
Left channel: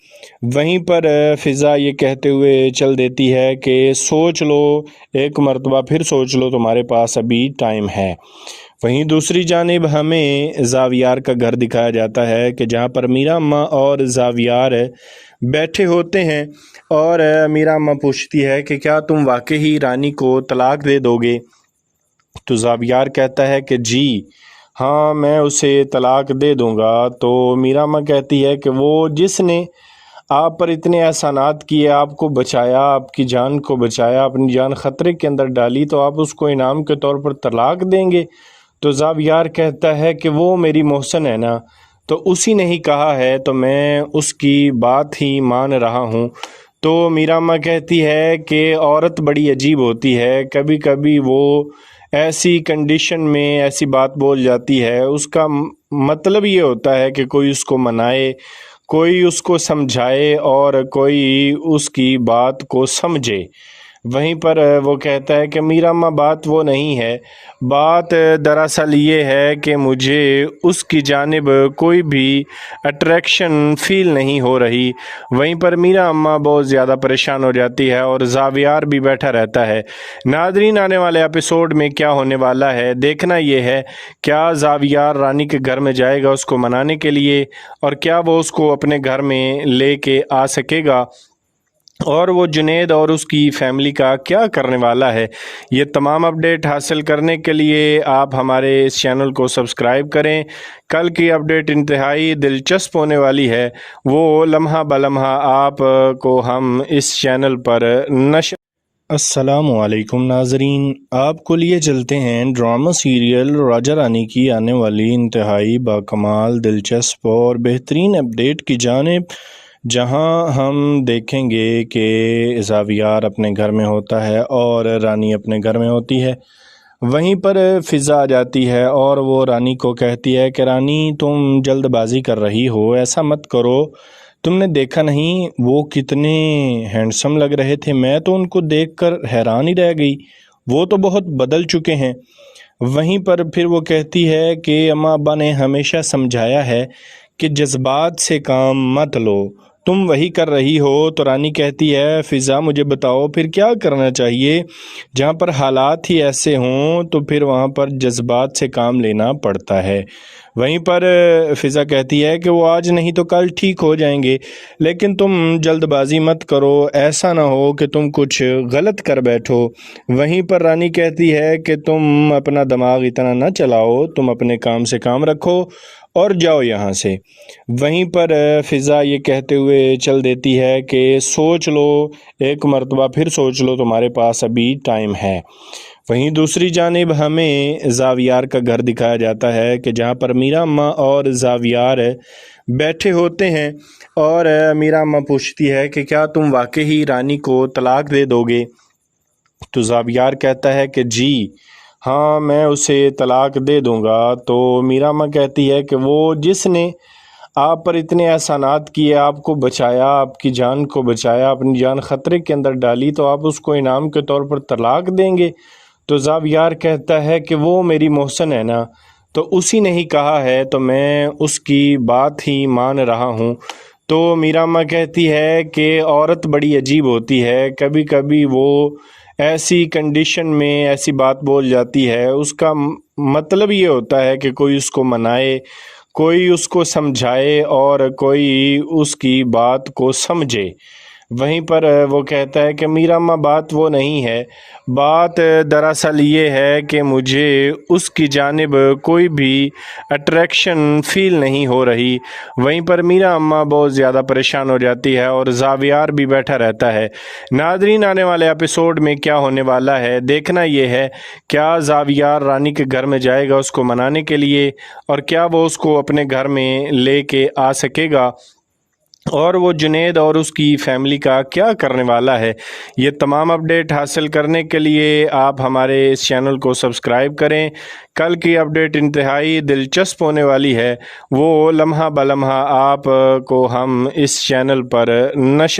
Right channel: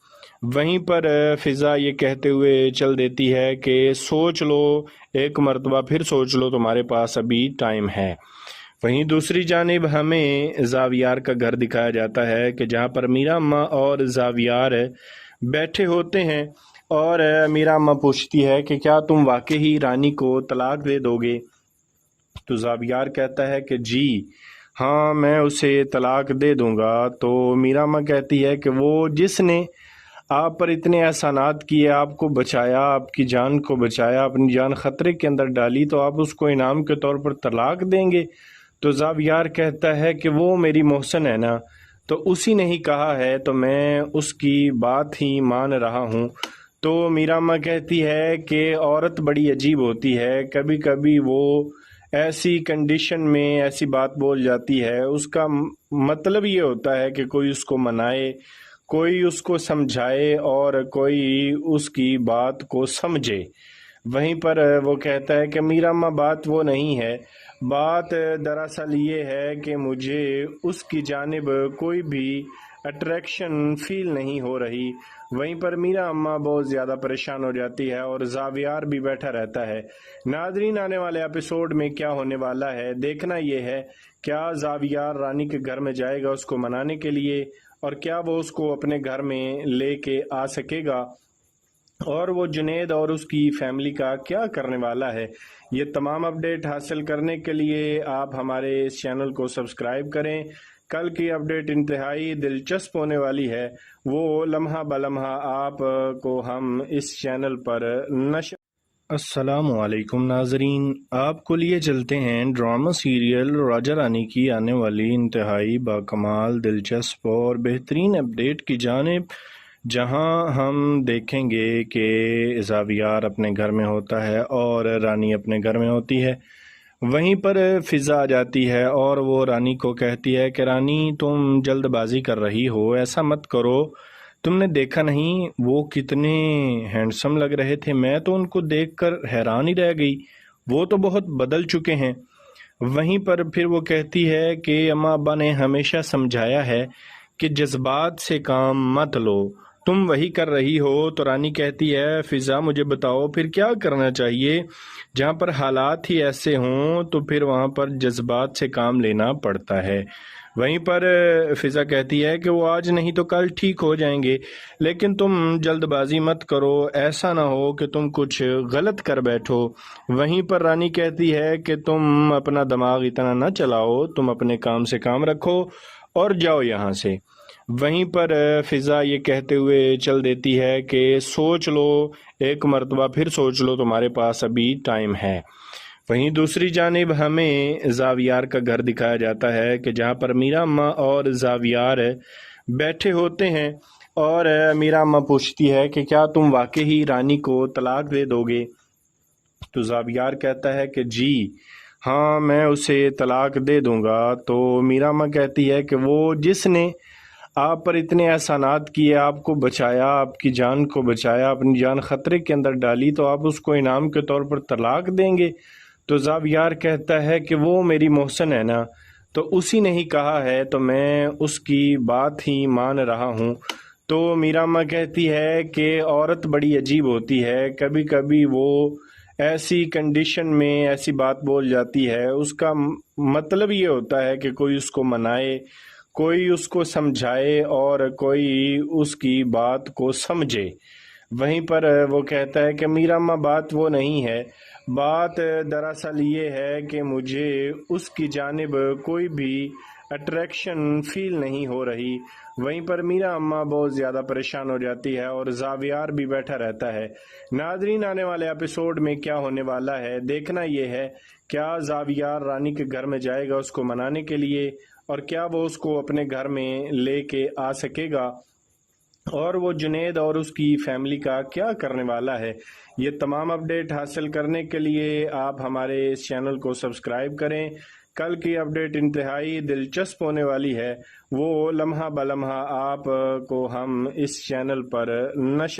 वहीं पर फ़िज़ा ये कहते हुए चल देती है कि सोच लो, एक मर्तबा फिर सोच लो, तुम्हारे पास अभी टाइम है। वहीं दूसरी जानिब हमें ज़ावियार का घर दिखाया जाता है कि जहाँ पर मीरा अम्मा और ज़ावियार बैठे होते हैं और मीरा अम्मा पूछती है कि क्या तुम वाकई ही रानी को तलाक दे दोगे। तो ज़ावियार कहता है कि जी हाँ, मैं उसे तलाक दे दूँगा। तो मीरा अम्मा कहती है कि वो जिसने आप पर इतने एहसानात किए, आपको बचाया, आपकी जान को बचाया, अपनी जान ख़तरे के अंदर डाली, तो आप उसको इनाम के तौर पर तलाक देंगे। तो ज़ावियार कहता है कि वो मेरी मोहसन है ना, तो उसी ने ही कहा है तो मैं उसकी बात ही मान रहा हूँ। तो मीरा अम्मा कहती है कि औरत बड़ी अजीब होती है, कभी कभी वो ऐसी कंडीशन में ऐसी बात बोल जाती है, उसका मतलब ये होता है कि कोई उसको मनाए, कोई उसको समझाए और कोई उसकी बात को समझे। वहीं पर वो कहता है कि मीरा अम्मा बात वो नहीं है, बात दरअसल ये है कि मुझे उसकी जानिब कोई भी अट्रैक्शन फ़ील नहीं हो रही। वहीं पर मीरा अम्मा बहुत ज़्यादा परेशान हो जाती है और ज़ावियार भी बैठा रहता है। नाज़रीन, आने वाले एपिसोड में क्या होने वाला है देखना ये है, क्या ज़ावियार रानी के घर में जाएगा उसको मनाने के लिए, और क्या वो उसको अपने घर में लेके आ सकेगा, और वो जुनैद और उसकी फैमिली का क्या करने वाला है। ये तमाम अपडेट हासिल करने के लिए आप हमारे इस चैनल को सब्सक्राइब करें। कल की अपडेट इंतहाई दिलचस्प होने वाली है, वो लम्हा बलम्हा आप को हम इस चैनल पर नशर। अस्सलामुअलैकुम नाजरीन, आपको लिए चलते हैं ड्रामा सीरियल राजा रानी की आने वाली इंतहाई बाकमाल, दिलचस्प और बेहतरीन अपडेट की जानिब, जहां हम देखेंगे कि ज़ावियार अपने घर में होता है और रानी अपने घर में होती है। वहीं पर फ़िज़ा आ जाती है और वो रानी को कहती है कि रानी, तुम जल्दबाजी कर रही हो, ऐसा मत करो। तुमने देखा नहीं वो कितने हैंडसम लग रहे थे, मैं तो उनको देखकर हैरान ही रह गई, वो तो बहुत बदल चुके हैं। वहीं पर फिर वो कहती है कि अम्मा अब्बा ने हमेशा समझाया है कि जज्बात से काम मत लो, तुम वही कर रही हो। तो रानी कहती है, फ़िज़ा मुझे बताओ फिर क्या करना चाहिए, जहाँ पर हालात ही ऐसे हों तो फिर वहाँ पर जज्बात से काम लेना पड़ता है। वहीं पर फ़िज़ा कहती है कि वो आज नहीं तो कल ठीक हो जाएंगे, लेकिन तुम जल्दबाजी मत करो, ऐसा ना हो कि तुम कुछ गलत कर बैठो। वहीं पर रानी कहती है कि तुम अपना दिमाग इतना ना चलाओ, तुम अपने काम से काम रखो और जाओ यहाँ से। वहीं पर फ़िज़ा ये कहते हुए चल देती है कि सोच लो, एक मर्तबा फिर सोच लो, तुम्हारे पास अभी टाइम है। वहीं दूसरी जानिब हमें ज़ावियार का घर दिखाया जाता है कि जहाँ पर मीरा अम्मा और ज़ावियार बैठे होते हैं और मीरा अम्मा पूछती है कि क्या तुम वाकई ही रानी को तलाक दे दोगे। तो ज़ावियार कहता है कि जी हाँ, मैं उसे तलाक दे दूंगा। तो मीरा अम्मा कहती है कि वो जिसने आप पर इतने एहसानात किए, आपको बचाया, आपकी जान को बचाया, अपनी जान ख़तरे के अंदर डाली, तो आप उसको इनाम के तौर पर तलाक देंगे। तो ज़ावियार कहता है कि वो मेरी मोहसन है ना, तो उसी ने ही कहा है तो मैं उसकी बात ही मान रहा हूँ। तो मीरा अम्मा कहती है कि औरत बड़ी अजीब होती है, कभी कभी वो ऐसी कंडीशन में ऐसी बात बोल जाती है, उसका मतलब ये होता है कि कोई उसको मनाए, कोई उसको समझाए और कोई उसकी बात को समझे। वहीं पर वो कहता है कि मीरा अम्मा बात वो नहीं है, बात दरअसल ये है कि मुझे उसकी जानिब कोई भी अट्रैक्शन फ़ील नहीं हो रही। वहीं पर मीरा अम्मा बहुत ज़्यादा परेशान हो जाती है और ज़ावियार भी बैठा रहता है। नाज़रीन, आने वाले एपिसोड में क्या होने वाला है देखना ये है, क्या ज़ावियार रानी के घर में जाएगा उसको मनाने के लिए, और क्या वो उसको अपने घर में लेके आ सकेगा, और वो जुनैद और उसकी फैमिली का क्या करने वाला है। ये तमाम अपडेट हासिल करने के लिए आप हमारे इस चैनल को सब्सक्राइब करें। कल की अपडेट इंतहाई दिलचस्प होने वाली है, वो लम्हा बलम्हा आप को हम इस चैनल पर नशर